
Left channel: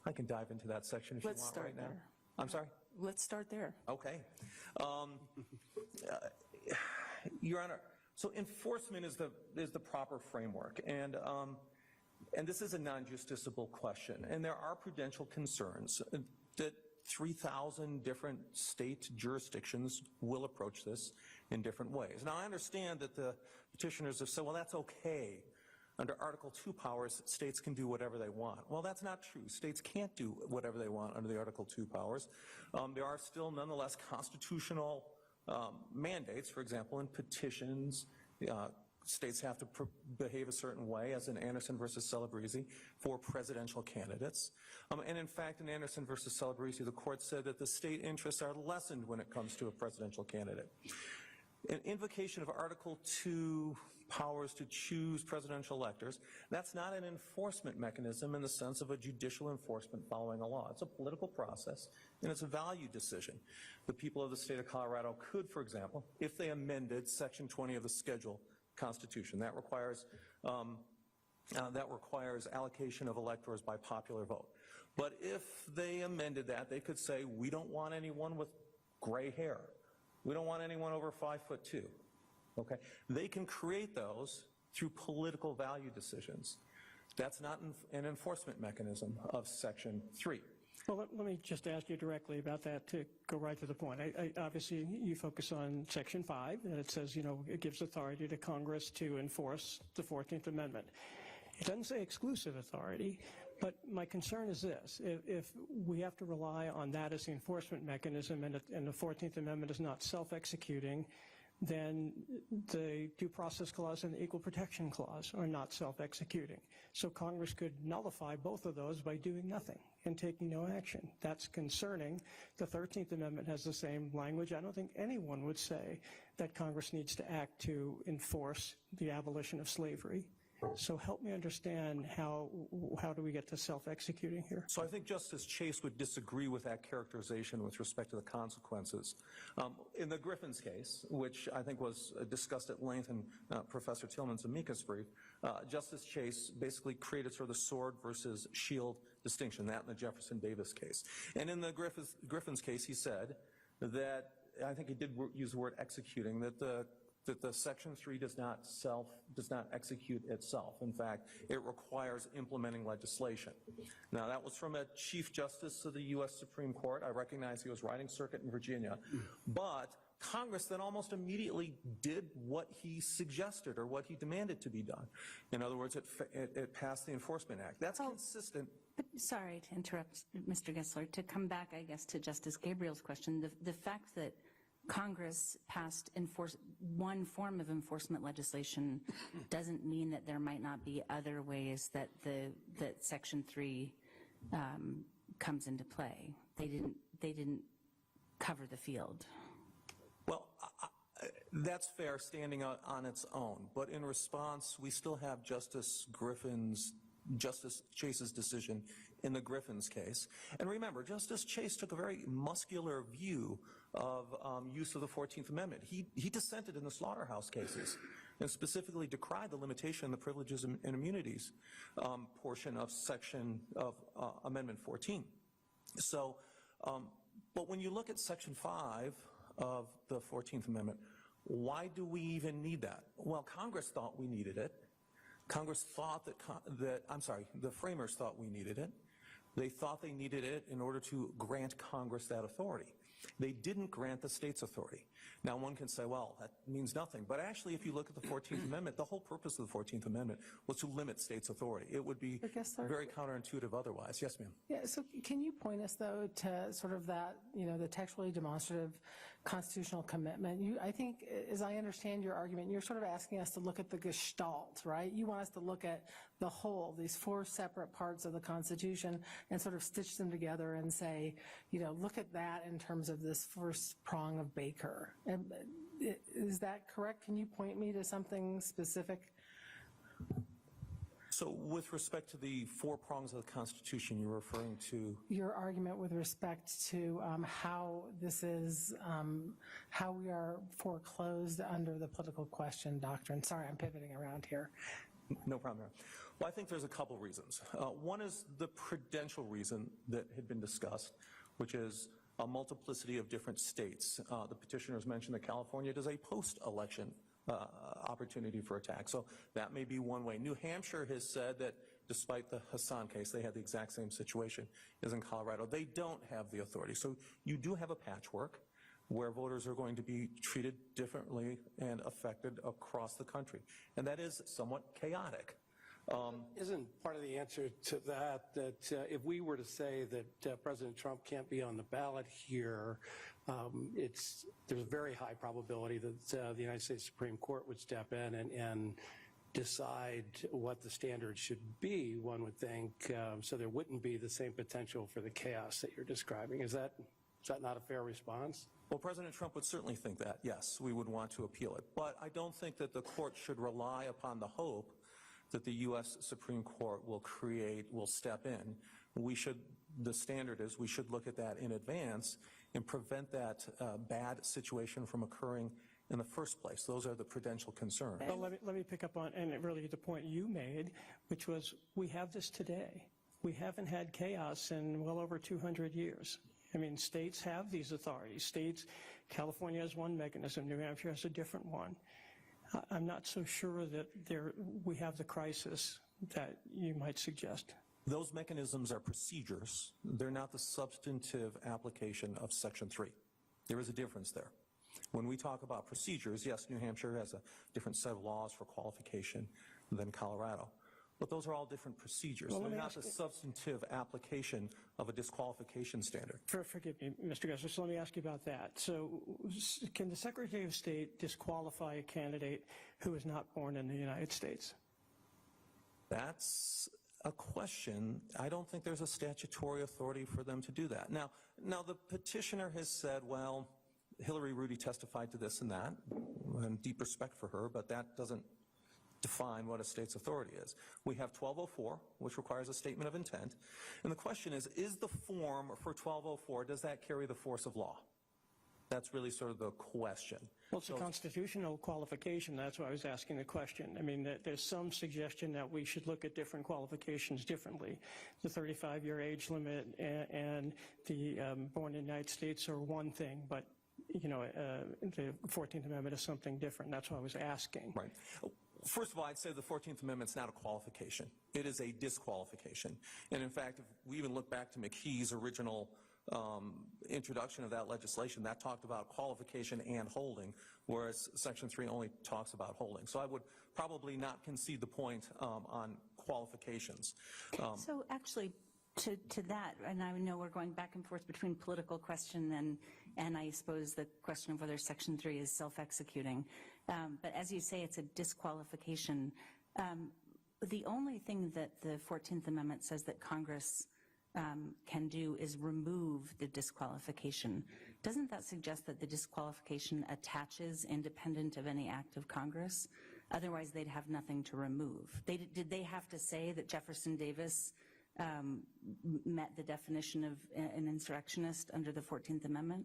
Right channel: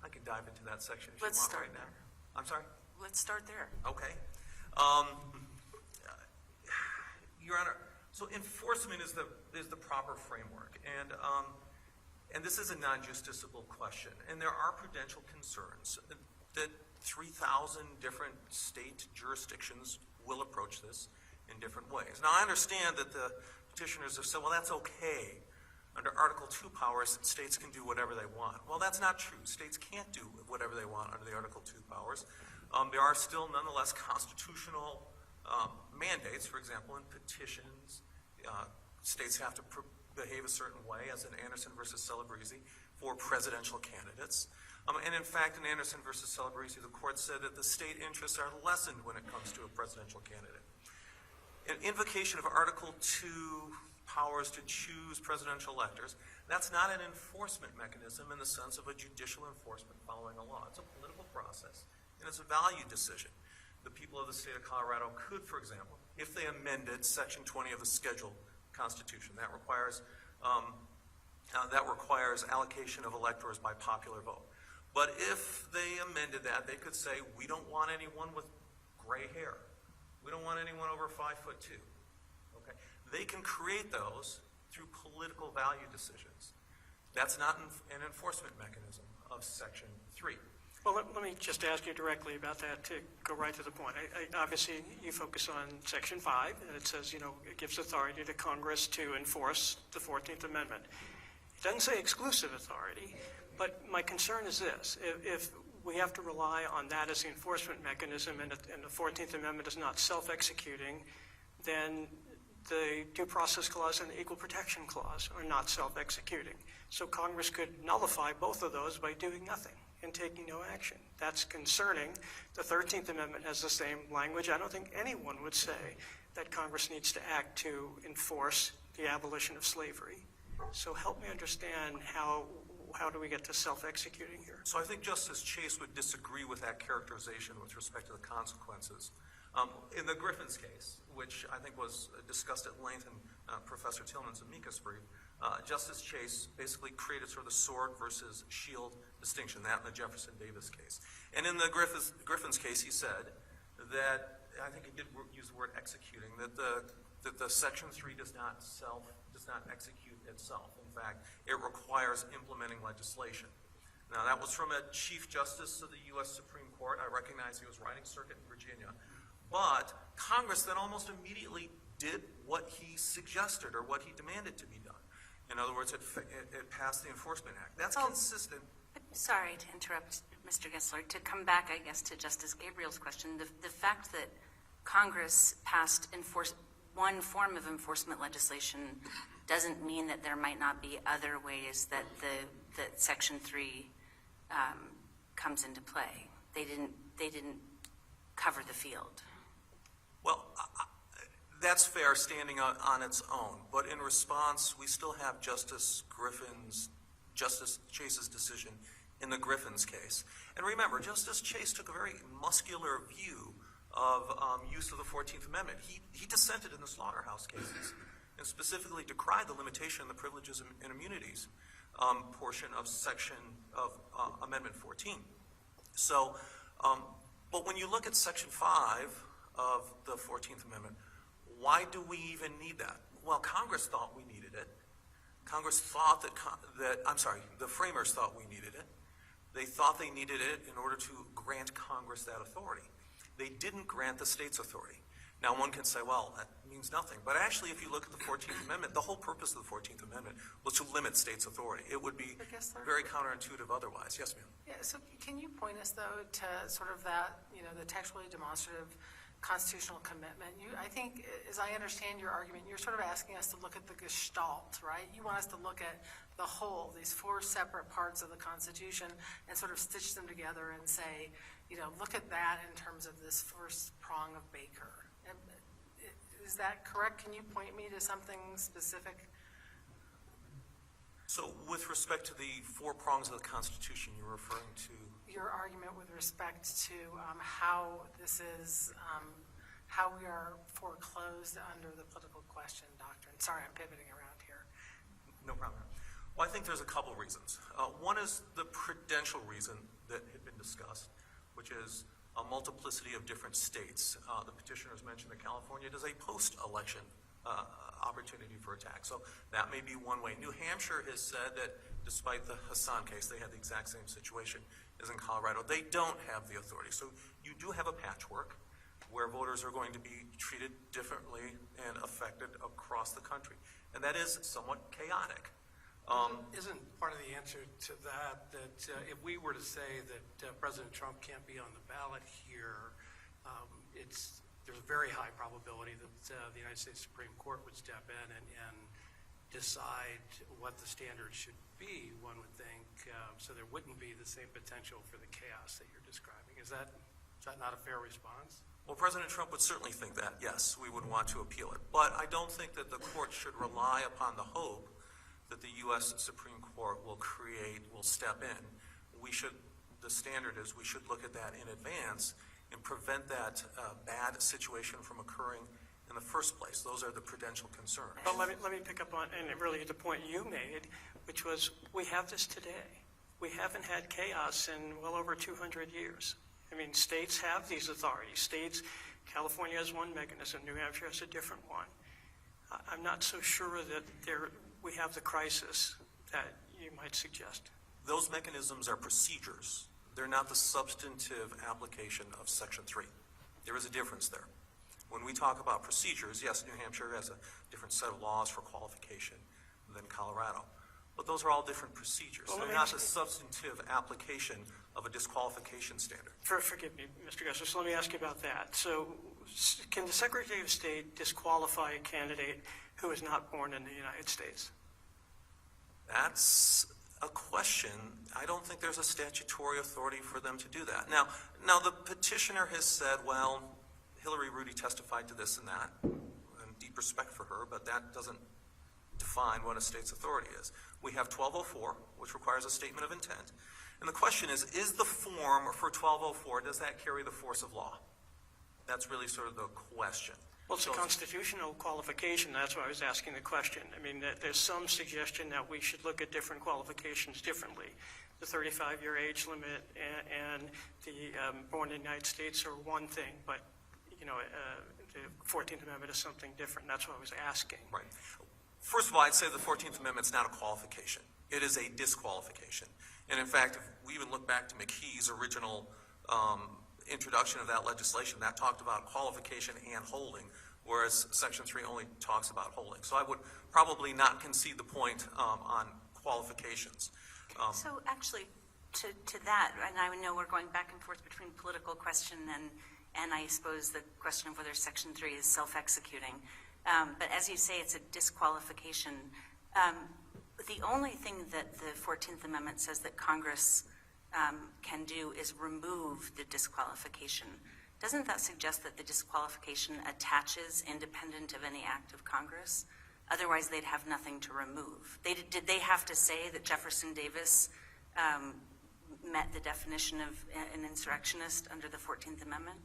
I can dive into that section if Let's you want start right now. there. I'm sorry? Let's start there. Okay. Your Honor, so enforcement is the proper framework, and this is a non-justiciable question, and there are prudential concerns that 3,000 different state jurisdictions will approach this in different ways. Now, I understand that the petitioners have said, well, that's okay. Under Article 2 powers, states can do whatever they want. Well, that's not true. States can't do whatever they want under the Article 2 powers. There are still, nonetheless, constitutional mandates. For example, in petitions, states have to behave a certain way, as in Anderson versus Celebrezzi, for presidential candidates. And in fact, in Anderson versus Celebrezzi, the court said that the state interests are lessened when it comes to a presidential candidate. An invocation of Article 2 powers to choose presidential electors, that's not an enforcement mechanism in the sense of a judicial enforcement following a law. It's a political process, and it's a value decision. The people of the state of Colorado could, for example, if they amended Section 20 of the Schedule Constitution, that requires allocation of electors by popular vote. But if they amended that, they could say, we don't want anyone with gray hair. We don't want anyone over 5'2". Okay? They can create those through political value decisions. That's not an enforcement mechanism of Section 3. Well, let me just ask you directly about that to go right to the point. Obviously, you focus on Section 5, and it says, it gives authority to Congress to enforce the 14th Amendment. It doesn't say exclusive authority, but my concern is this. If we have to rely on that as the enforcement mechanism and the 14th Amendment is not self-executing, then the Due Process Clause and the Equal Protection Clause are not self-executing. So Congress could nullify both of those by doing nothing and taking no action. That's concerning. The 13th Amendment has the same language. I don't think anyone would say that Congress needs to act to enforce the abolition of slavery. So help me understand how do we get to self-executing here? So I think Justice Chase would disagree with that characterization with respect to the consequences. In the Griffin's case, which I think was discussed at length in Professor Tillman's amicus brief, Justice Chase basically created sort of the sword versus shield distinction, that in the Jefferson Davis case. And in the Griffin's case, he said that, I think he did use the word executing, that the Section 3 does not execute itself. In fact, it requires implementing legislation. Now, that was from a Chief Justice of the U.S. Supreme Court. I recognize he was riding circuit in Virginia. But Congress then almost immediately did what he suggested or what he demanded to be done. In other words, it passed the Enforcement Act. That's consistent. Sorry to interrupt, Mr. Gessler. To come back, I guess, to Justice Gabriel's question, the fact that Congress passed one form of enforcement legislation doesn't mean that there might not be other ways that that Section 3 comes into play. They didn't cover the field. Well, that's fair standing on its own. But in response, we still have Justice Chase's decision in the Griffin's case. And remember, Justice Chase took a very muscular view of use of the 14th Amendment. He dissented in the slaughterhouse cases and specifically decried the limitation of the privileges and immunities portion of Amendment 14. So, but when you look at Section 5 of the 14th Amendment, why do we even need that? Well, Congress thought we needed it. Congress thought the framers thought we needed it. They thought they needed it in order to grant Congress that authority. They didn't grant the states authority. Now, one can say, well, means nothing. But actually, if you look at the 14th Amendment, the whole purpose of the 14th Amendment was to limit states' authority. It would be I guess there- very counterintuitive otherwise. Yes, ma'am. Yeah, so can you point us, though, to sort of that, the textually demonstrative constitutional commitment? I think, as I understand your argument, you're sort of asking us to look at the gestalt, right? You want us to look at the whole, these four separate parts of the Constitution, and sort of stitch them together and say, look at that in terms of this first prong of Baker. And is that correct? Can you point me to something specific? So with respect to the four prongs of the Constitution, you're referring to? Your argument with respect to how this is, how we are foreclosed under the political question doctrine. Sorry, I'm pivoting around here. No problem. Well, I think there's a couple reasons. One is the prudential reason that had been discussed, which is a multiplicity of different states. The petitioner has mentioned that California is a post-election opportunity for attack. So that may be one way. New Hampshire has said that despite the Hassan case, they had the exact same situation as in Colorado. They don't have the authority. So you do have a patchwork where voters are going to be treated differently and affected across the country. And that is somewhat chaotic. Isn't part of the answer to that if we were to say that President Trump can't be on the ballot here, there's a very high probability that the United States Supreme Court would step in and decide what the standards should be, one would think, so there wouldn't be the same potential for the chaos that you're describing. Is that not a fair response? Well, President Trump would certainly think that, yes, we would want to appeal it. But I don't think that the court should rely upon the hope that the U.S. Supreme Court will step in. The standard is we should look at that in advance and prevent that bad situation from occurring in the first place. Those are the prudential concerns. Well, let me pick up on, and really the point you made, which was we have this today. We haven't had chaos in well over 200 years. I mean, states have these authorities. California has one mechanism, New Hampshire has a different one. I'm not so sure that we have the crisis that you might suggest. Those mechanisms are procedures. They're not the substantive application of Section 3. There is a difference there. When we talk about procedures, yes, New Hampshire has a different set of laws for qualification than Colorado. But those are all different procedures. Well, They're not the substantive application of a disqualification standard. Forgive me, Mr. Justice, let me ask you about that. So can the Secretary of State disqualify a candidate who is not born in the United States? That's a question. I don't think there's a statutory authority for them to do that. Now the petitioner has said, well, Hillary Rudy testified to this and that, and deep respect for her, but that doesn't define what a state's authority is. We have 1204, which requires a statement of intent. And the question is the form for 1204, does that carry the force of law? That's really sort of the question. Well, it's a constitutional qualification. That's why I was asking the question. I mean, there's some suggestion that we should look at different qualifications differently. The 35-year age limit and the born in the United States are one thing, but the 14th Amendment is something different. That's what I was asking. Right. First of all, I'd say the 14th Amendment is not a qualification. It is a disqualification. And in fact, if we even look back to McKee's original introduction of that legislation, that talked about qualification and holding, whereas Section 3 only talks about holding. So I would probably not concede the point on qualifications. So actually, to that, and I know we're going back and forth between political question and I suppose the question of whether Section 3 is self-executing. But as you say, it's a disqualification. The only thing that the 14th Amendment says that Congress can do is remove the disqualification. Doesn't that suggest that the disqualification attaches independent of any act of Congress? Otherwise, they'd have nothing to remove. Did they have to say that Jefferson Davis met the definition of an insurrectionist under the 14th Amendment?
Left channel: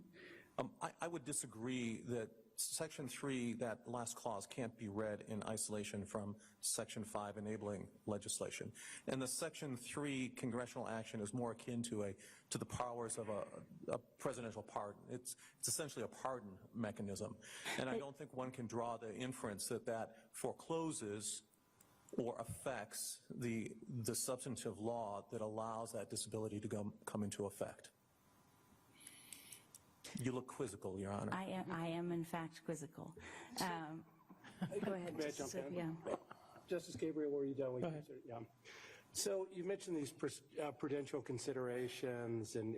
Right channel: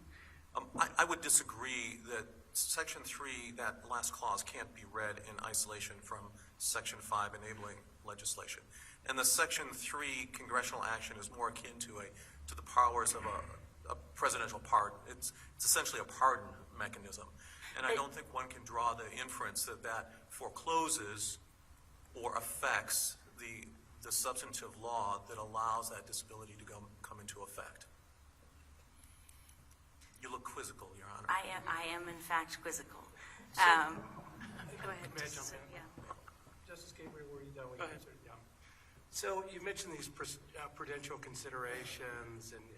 I would disagree that Section 3, that last clause, can't be read in isolation from Section 5 enabling legislation. And the Section 3 congressional action is more akin to the powers of a presidential pardon. It's essentially a pardon mechanism. And I don't think one can draw the inference that forecloses or affects the substantive law that allows that disability to come into effect. You look quizzical, Your Honor. I am in fact quizzical. Go ahead. May I jump in? Yeah. Justice Gabriel, where are you going? Go ahead. So you mentioned these prudential considerations and,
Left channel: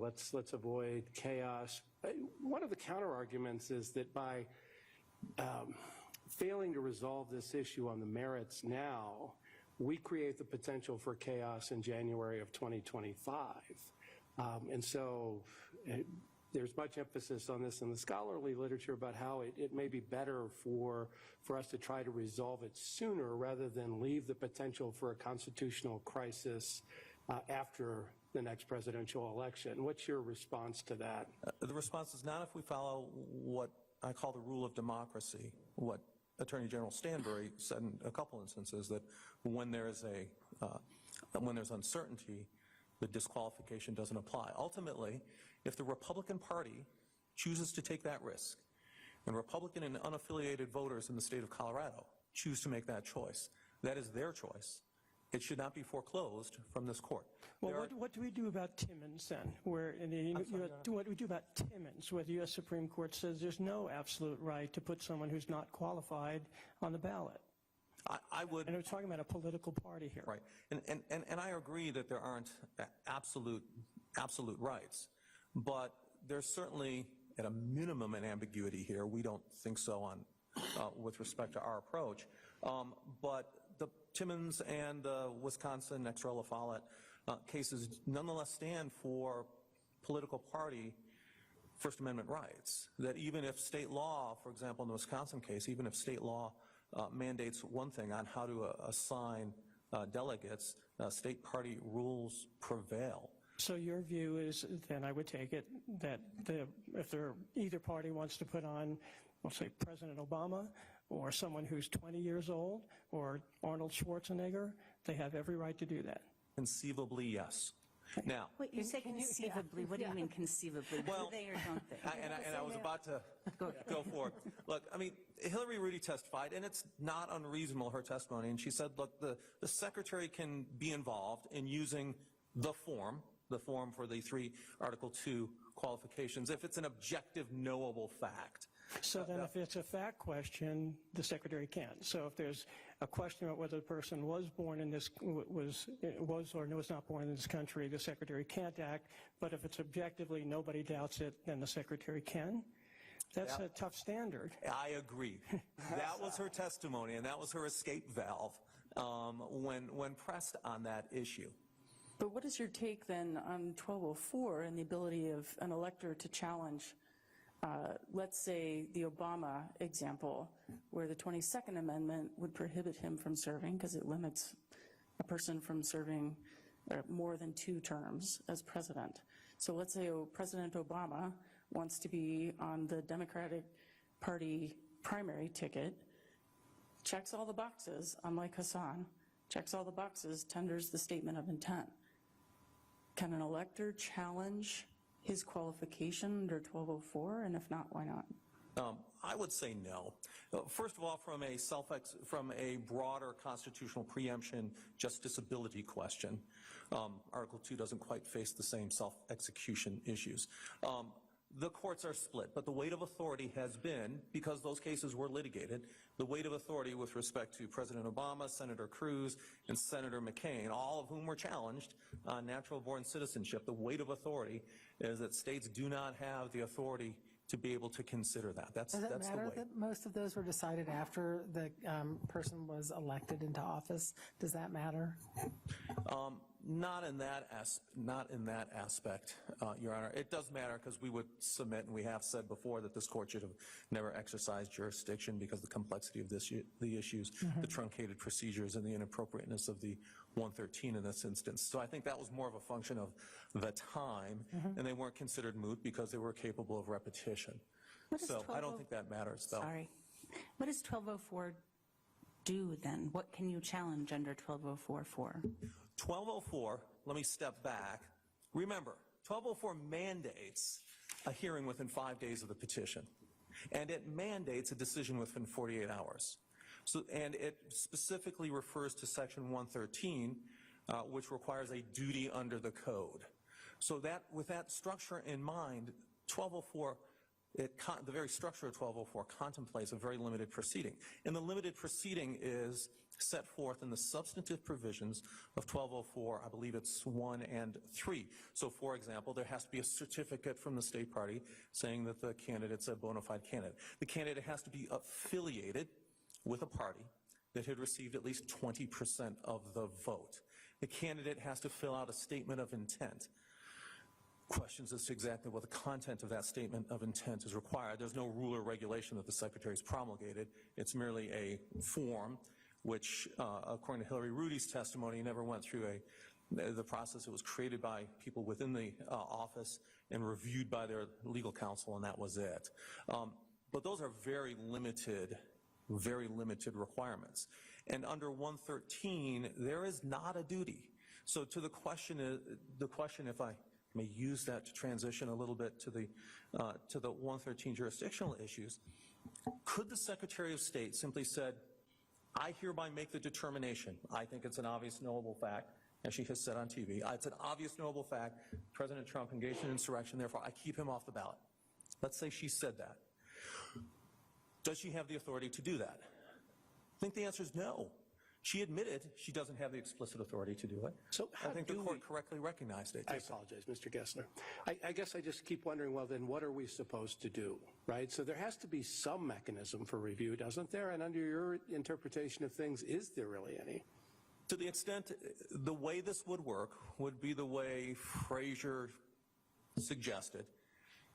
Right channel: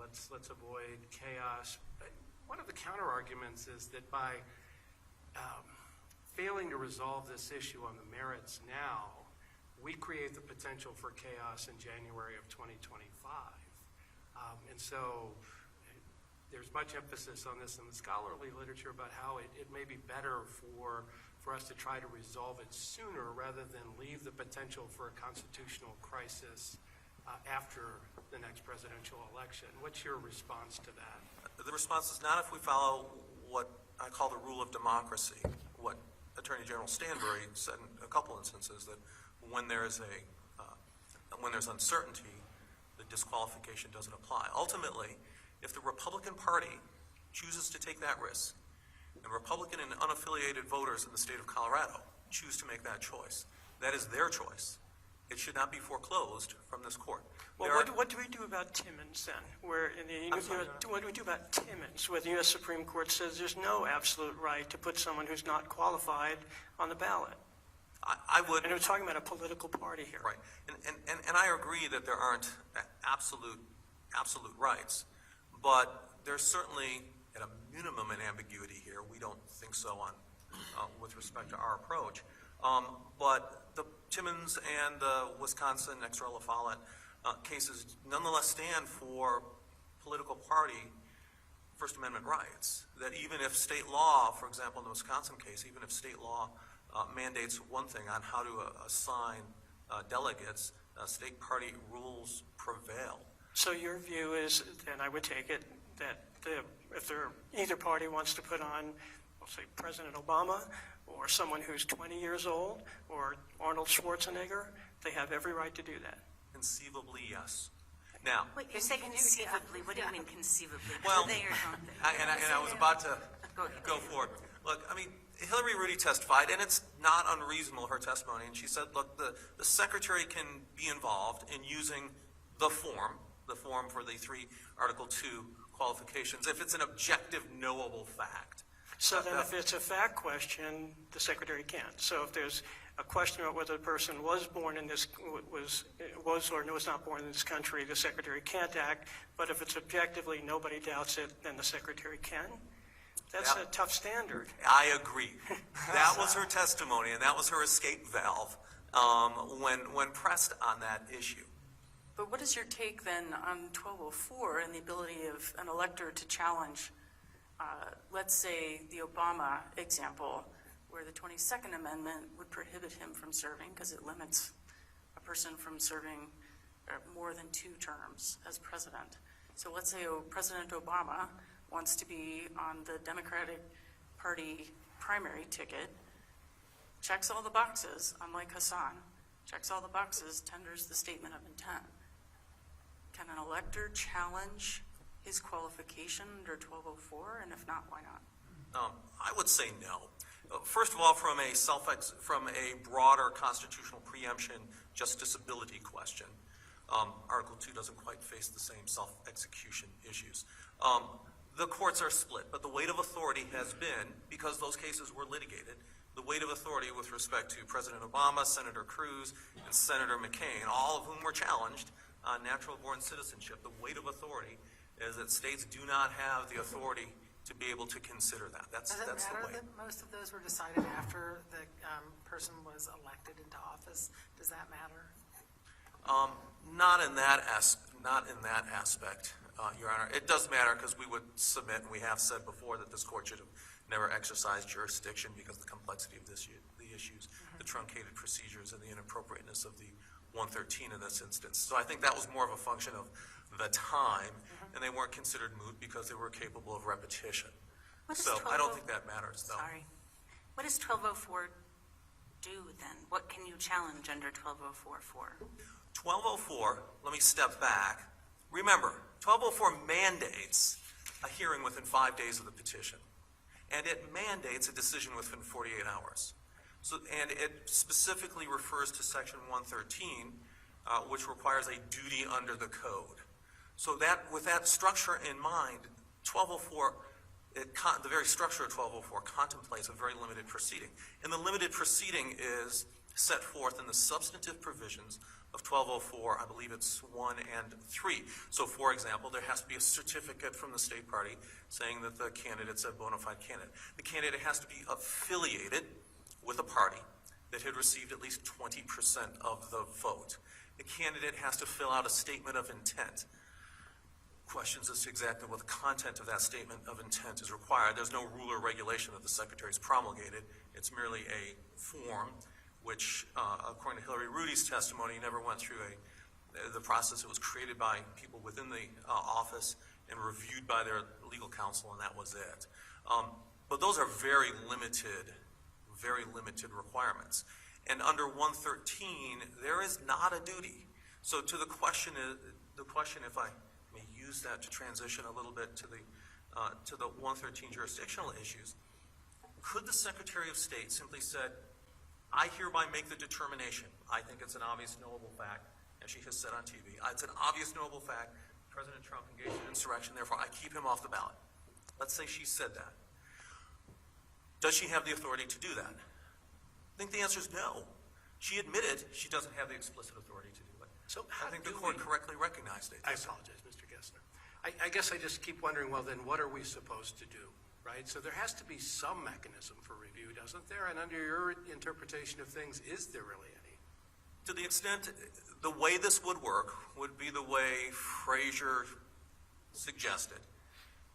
let's avoid chaos. One of the counter arguments is that by failing to resolve this issue on the merits now, we create the potential for chaos in January of 2025. And so there's much emphasis on this in the scholarly literature about how it may be better for us to try to resolve it sooner rather than leave the potential for a constitutional crisis after the next presidential election. What's your response to that? The response is not if we follow what I call the rule of democracy, what Attorney General Stanbury said in a couple instances, that when there's uncertainty, the disqualification doesn't apply. Ultimately, if the Republican Party chooses to take that risk, and Republican and unaffiliated voters in the state of Colorado choose to make that choice, that is their choice. It should not be foreclosed from this court. Well, what do we do about Timmons then? Where what do we do about Timmons, where the U.S. Supreme Court says there's no absolute right to put someone who's not qualified on the ballot? I would. And we're talking about a political party here. Right. And I agree that there aren't absolute rights, but there's certainly a minimum in ambiguity here. We don't think so on with respect to our approach. But the Timmons and the Wisconsin ex rel Follett cases nonetheless stand for political party First Amendment rights. That even if state law, for example, in the Wisconsin case, even if state law mandates one thing on how to assign delegates, state party rules prevail. So your view is, and I would take it, that if either party wants to put on, we'll say, President Obama or someone who's 20 years old or Arnold Schwarzenegger, they have every right to do that. Conceivably, yes. Now, Wait, you say conceivably. What do you mean conceivably? Well, They or don't they? I was about to go for it. Look, I mean, Hillary Rudy testified, and it's not unreasonable, her testimony, and she said, look, the secretary can be involved in using the form for the 3 Article 2 qualifications if it's an objective, knowable fact. So then if it's a fact question, the secretary can't. So if there's a question about whether the person was born in this, was or was not born in this country, the secretary can't act. But if it's objectively, nobody doubts it, then the secretary can. That's a tough standard. I agree. That was her testimony, and that was her escape valve when pressed on that issue. But what is your take then on 1204 and the ability of an elector to challenge, let's say, the Obama example, where the 22nd Amendment would prohibit him from serving because it limits a person from serving more than 2 terms as president. So let's say President Obama wants to be on the Democratic Party primary ticket, checks all the boxes, unlike Hassan, checks all the boxes, tenders the statement of intent. Can an elector challenge his qualification under 1204, and if not, why not? I would say no. First of all, from a broader constitutional preemption justiciability question, Article 2 doesn't quite face the same self-execution issues. The courts are split, but the weight of authority has been, because those cases were litigated, the weight of authority with respect to President Obama, Senator Cruz, and Senator McCain, all of whom were challenged on natural-born citizenship. The weight of authority is that states do not have the authority to be able to consider that. That's Does it the matter weight. that most of those were decided after the person was elected into office? Does that matter? Not in that aspect, Your Honor. It does matter because we would submit, and we have said before, that this court should have never exercised jurisdiction because of the complexity of the issues, the truncated procedures, and the inappropriateness of the 113 in this instance. So I think that was more of a function of the time, and they weren't considered moot because they were capable of repetition. So I don't think that matters, though. Sorry. What does 1204 do then? What can you challenge under 1204 for? 1204, let me step back. Remember, 1204 mandates a hearing within 5 days of the petition, and it mandates a decision within 48 hours. So, and it specifically refers to Section 113, which requires a duty under the code. So that, with that structure in mind, 1204 the very structure of 1204 contemplates a very limited proceeding. And the limited proceeding is set forth in the substantive provisions of 1204, I believe it's 1 and 3. So, for example, there has to be a certificate from the state party saying that the candidate's a bona fide candidate. The candidate has to be affiliated with a party that had received at least 20% of the vote. The candidate has to fill out a statement of intent. Questions as to exactly what the content of that statement of intent is required. There's no rule or regulation that the Secretary's promulgated. It's merely a form which, according to Hillary Rudy's testimony, never went through the process. It was created by people within the office and reviewed by their legal counsel, and that was it. But those are very limited requirements. And under 113, there is not a duty. So to the question, if I may use that to transition a little bit to the 113 jurisdictional issues, could the Secretary of State simply said, I hereby make the determination, I think it's an obvious knowable fact, as she has said on TV, it's an obvious knowable fact, President Trump engaged in insurrection, therefore I keep him off the ballot. Let's say she said that. Does she have the authority to do that? I think the answer is no. She admitted she doesn't have the explicit authority to do it. So I think the court correctly recognized it. I apologize, Mr. Gessner. I guess I just keep wondering, well, then what are we supposed to do, right? So there has to be some mechanism for review, doesn't there? And under your interpretation of things, is there really any? To the extent, the way this would work would be the way Frazier suggested.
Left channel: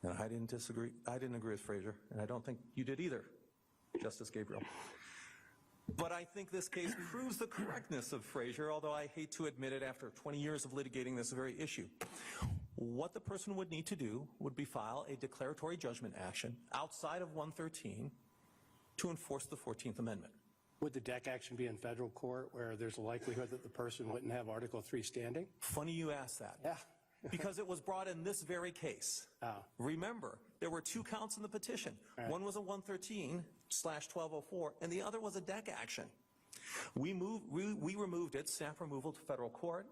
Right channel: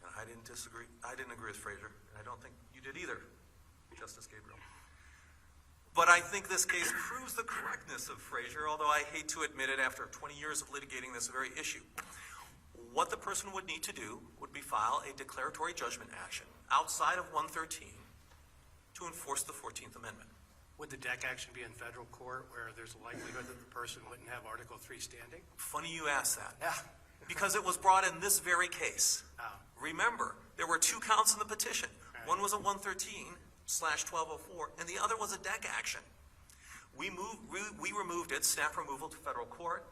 And I didn't disagree. I didn't agree with Frazier, and I don't think you did either, Justice Gabriel. But I think this case proves the correctness of Frazier, although I hate to admit it after 20 years of litigating this very issue. What the person would need to do would be file a declaratory judgment action outside of 113 to enforce the 14th Amendment. Would the DEC action be in federal court where there's a likelihood that the person wouldn't have Article 3 standing? Funny you ask that. Yeah. Because it was brought in this very case. Oh. Remember, there were 2 counts in the petition. Right. One was a 113/1204, and the other was a DEC action. We removed it, snap removal to federal court.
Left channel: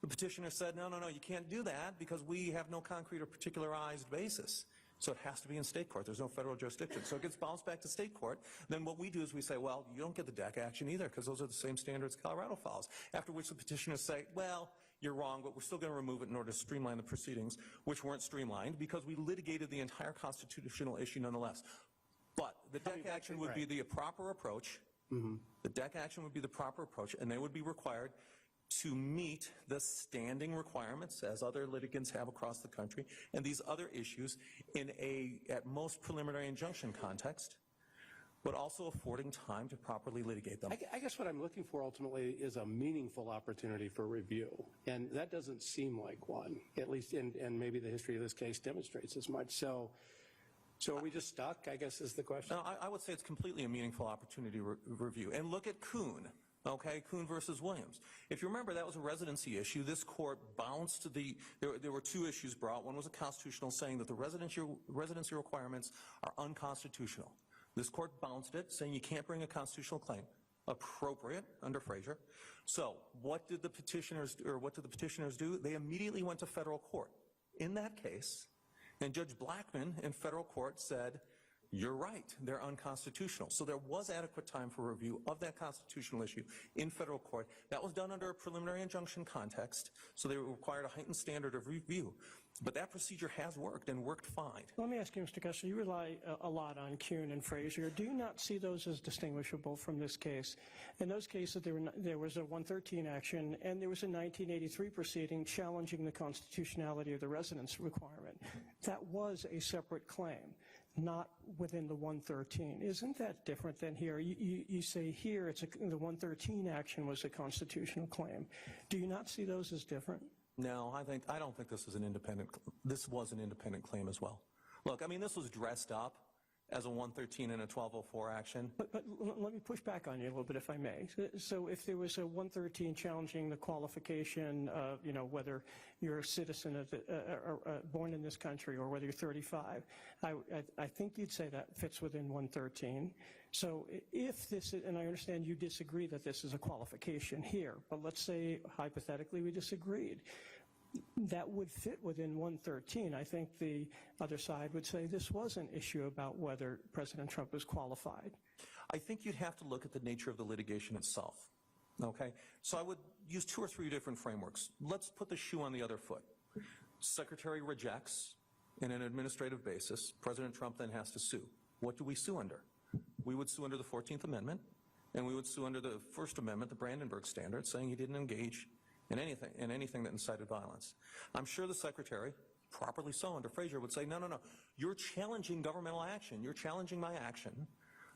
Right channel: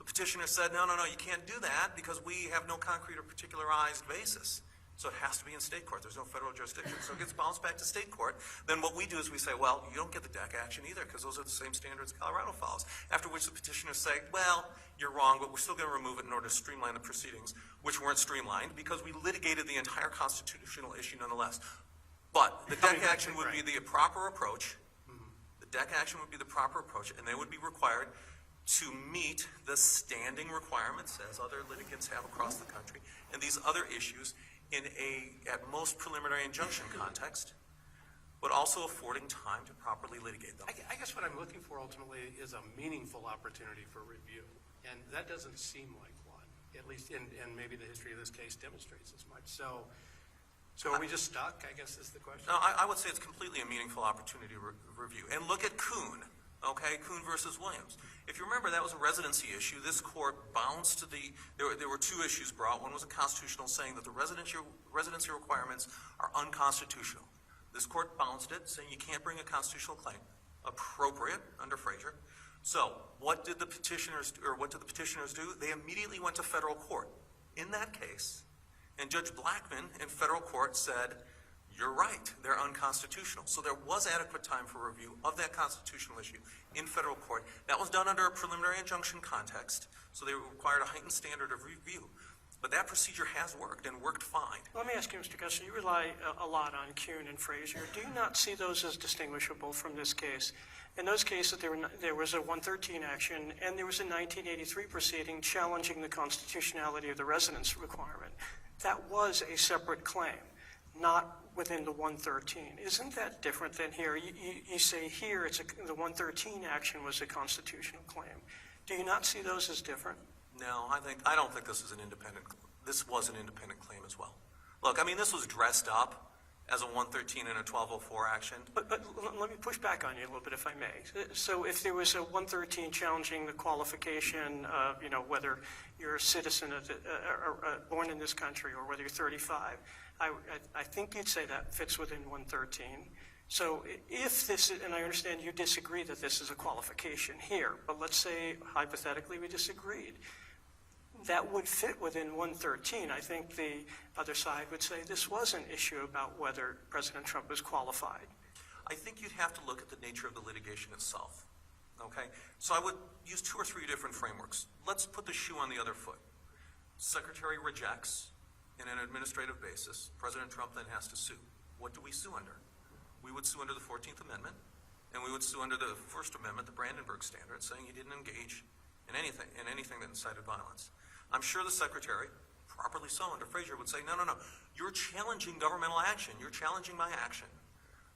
The petitioner said, no, you can't do that because we have no concrete or particularized basis. So it has to be in state court. There's no federal jurisdiction. So it gets bounced back to state court. Then what we do is we say, well, you don't get the DEC action either because those are the same standards Colorado follows. After which the petitioners say, well, you're wrong, but we're still going to remove it in order to streamline the proceedings, which weren't streamlined because we litigated the entire constitutional issue nonetheless. But the DEC action would be the proper approach. Mm-hmm. The DEC action would be the proper approach, and they would be required to meet the standing requirements, as other litigants have across the country, and these other issues in a, at most, preliminary injunction context, but also affording time to properly litigate them. I guess what I'm looking for ultimately is a meaningful opportunity for review, and that doesn't seem like one, at least and maybe the history of this case demonstrates as much. So are we just stuck, I guess, is the question? No, I would say it's completely a meaningful opportunity review. And look at Kuhn, okay? Kuhn versus Williams. If you remember, that was a residency issue. This court bounced to there were 2 issues brought. One was a constitutional saying that the residency requirements are unconstitutional. This court bounced it, saying you can't bring a constitutional claim. Appropriate under Frazier. So what did the petitioners do? They immediately went to federal court. In that case, and Judge Blackmun in federal court said, you're right, they're unconstitutional. So there was adequate time for review of that constitutional issue in federal court. That was done under a preliminary injunction context, so they required a heightened standard of review. But that procedure has worked and worked fine. Let me ask you, Mr. Gessner, you rely a lot on Kuhn and Frazier. Do you not see those as distinguishable from this case? In those cases, there was a 113 action, and there was a 1983 proceeding challenging the constitutionality of the residence requirement. That was a separate claim, not within the 113. Isn't that different than here? You say here the 113 action was a constitutional claim. Do you not see those as different? No, I don't think this was an independent claim as well. Look, I mean, this was dressed up as a 113 and a 1204 action. But let me push back on you a little bit, if I may. So if there was a 113 challenging the qualification of, whether you're a citizen born in this country or whether you're 35, I think you'd say that fits within 113. So if this is, and I understand you disagree that this is a qualification here, but let's say hypothetically we disagreed. that would fit within 113. I think the other side would say this was an issue about whether President Trump is qualified. I think you'd have to look at the nature of the litigation itself. Okay? So I would use 2 or 3 different frameworks. Let's put the shoe on the other foot. Secretary rejects in an administrative basis. President Trump then has to sue. What do we sue under? We would sue under the 14th Amendment, and we would sue under the First Amendment, the Brandenburg Standard, saying he didn't engage in anything that incited violence. I'm sure the Secretary, properly so under Frazier, would say, no, you're challenging governmental action. You're challenging my action.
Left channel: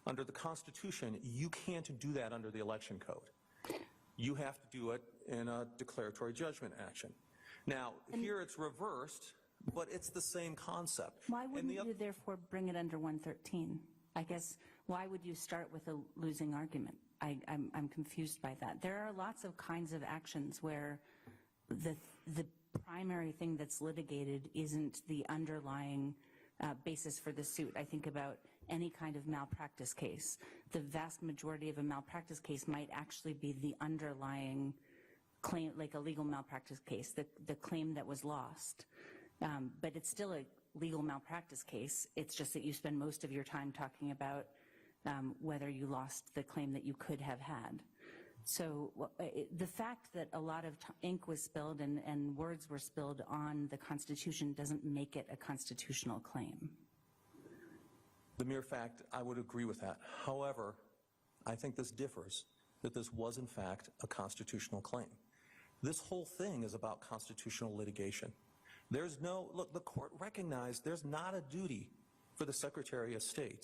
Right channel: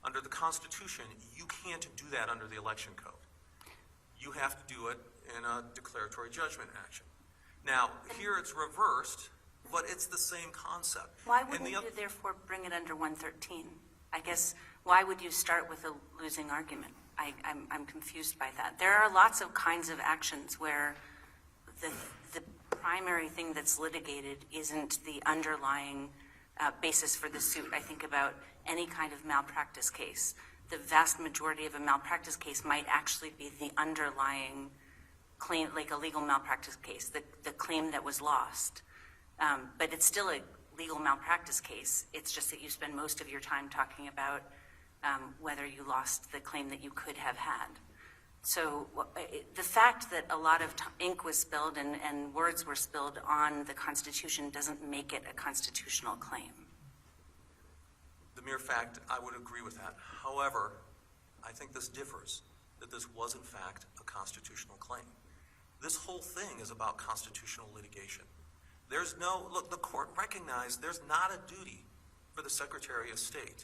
Under the Constitution, you can't do that under the Election Code. You have to do it in a declaratory judgment action. Now, here it's reversed, but it's the same concept. Why wouldn't you therefore bring it under 113? I guess, why would you start with a losing argument? I'm confused by that. There are lots of kinds of actions where the primary thing that's litigated isn't the underlying basis for the suit. I think about any kind of malpractice case. The vast majority of a malpractice case might actually be the underlying claim, like a legal malpractice case, the claim that was lost. But it's still a legal malpractice case. It's just that you spend most of your time talking about whether you lost the claim that you could have had. So the fact that a lot of ink was spilled and words were spilled on the Constitution doesn't make it a constitutional claim. The mere fact, I would agree with that. However, I think this differs, that this was in fact a constitutional claim. This whole thing is about constitutional litigation. Look, the court recognized there's not a duty for the Secretary of State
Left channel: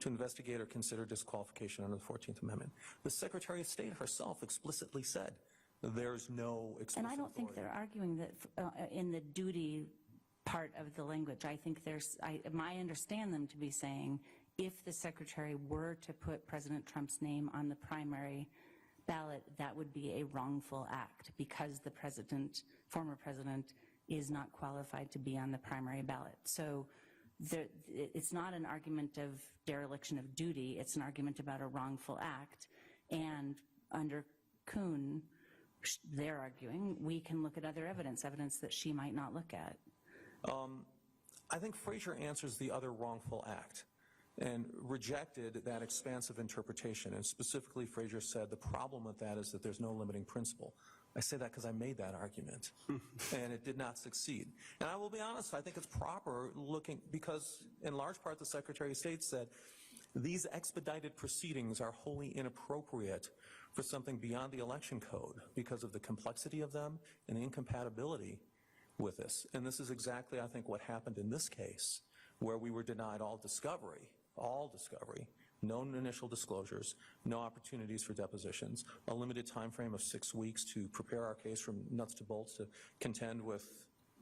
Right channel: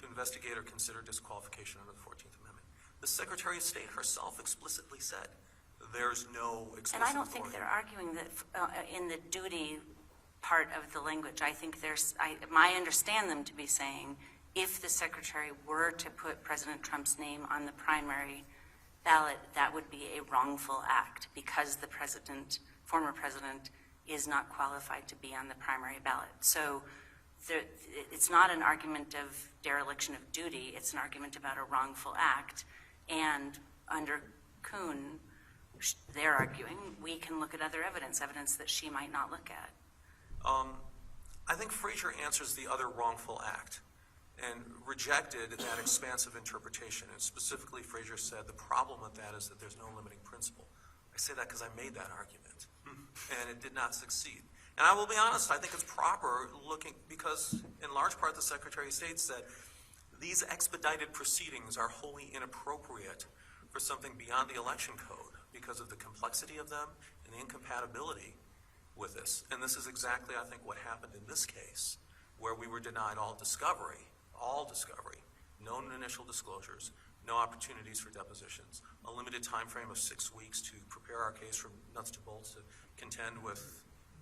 to investigate or consider disqualification under the 14th Amendment. The Secretary of State herself explicitly said there's no explicit And I don't think authority. they're arguing that in the duty part of the language. I think I understand them to be saying if the Secretary were to put President Trump's name on the primary ballot, that would be a wrongful act because the former president, is not qualified to be on the primary ballot. So it's not an argument of dereliction of duty, it's an argument about a wrongful act. And under Kuhn, they're arguing we can look at other evidence that she might not look at. I think Frazier answers the other wrongful act and rejected that expansive interpretation. And specifically, Frazier said the problem with that is that there's no limiting principle. I say that because I made that argument, and it did not succeed. And I will be honest, I think it's proper because in large part the Secretary of State said these expedited proceedings are wholly inappropriate for something beyond the election code because of the complexity of them and the incompatibility with this. And this is exactly, I think, what happened in this case, where we were denied all discovery, no initial disclosures, no opportunities for depositions, a limited time frame of 6 weeks to prepare our case from nuts to bolts to contend with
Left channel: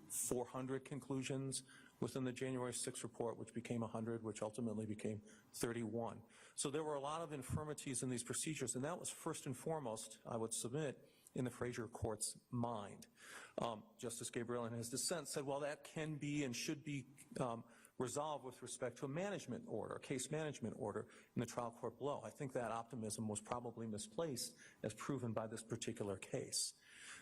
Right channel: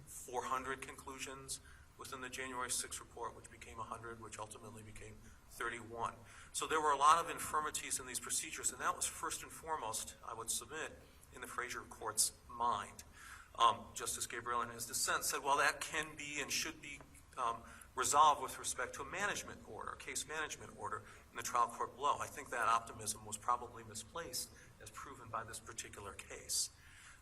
400 conclusions within the January 6th report, which became 100, which ultimately became 31. So there were a lot of infirmities in these procedures, and that was first and foremost, I would submit, in the Frazier Court's mind. Justice Gabriel, in his dissent, said, well, that can be and should be resolved with respect to a management order, a case management order in the trial court below. I think that optimism was probably misplaced, as proven by this particular case.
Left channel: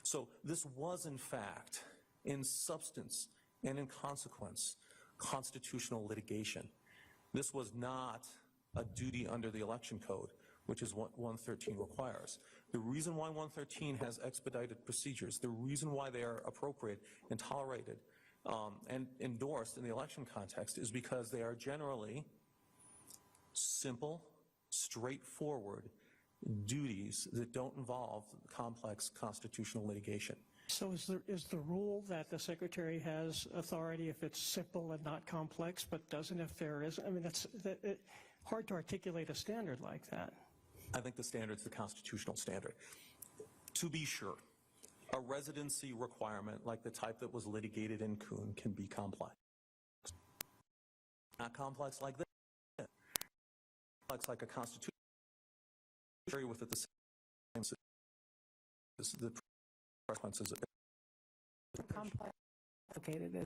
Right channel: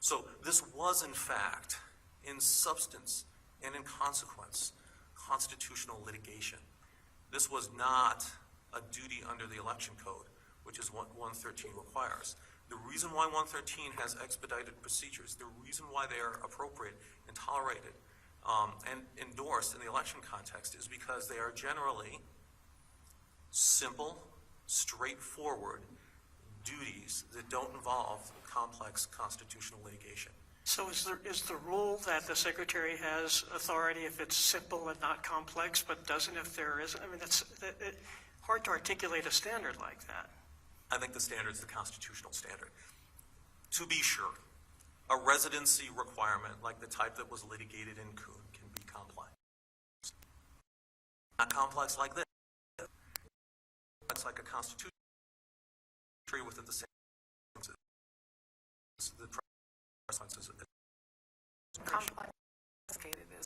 So this was, in fact, in substance and in consequence, constitutional litigation. This was not a duty under the election code, which is what 113 requires. The reason why 113 has expedited procedures, the reason why they are appropriate and tolerated and endorsed in the election context is because they are generally simple, straightforward duties that don't involve complex constitutional litigation. So is the rule that the Secretary has authority if it's simple and not complex, but doesn't if there isn't? I mean, it's hard to articulate a standard like that. I think the standard is the constitutional standard. To be sure, a residency requirement like the type that was litigated in Kuhn can be complex. Not complex like this. It's like a constitution with it the same things as the consequences of it. Complicated.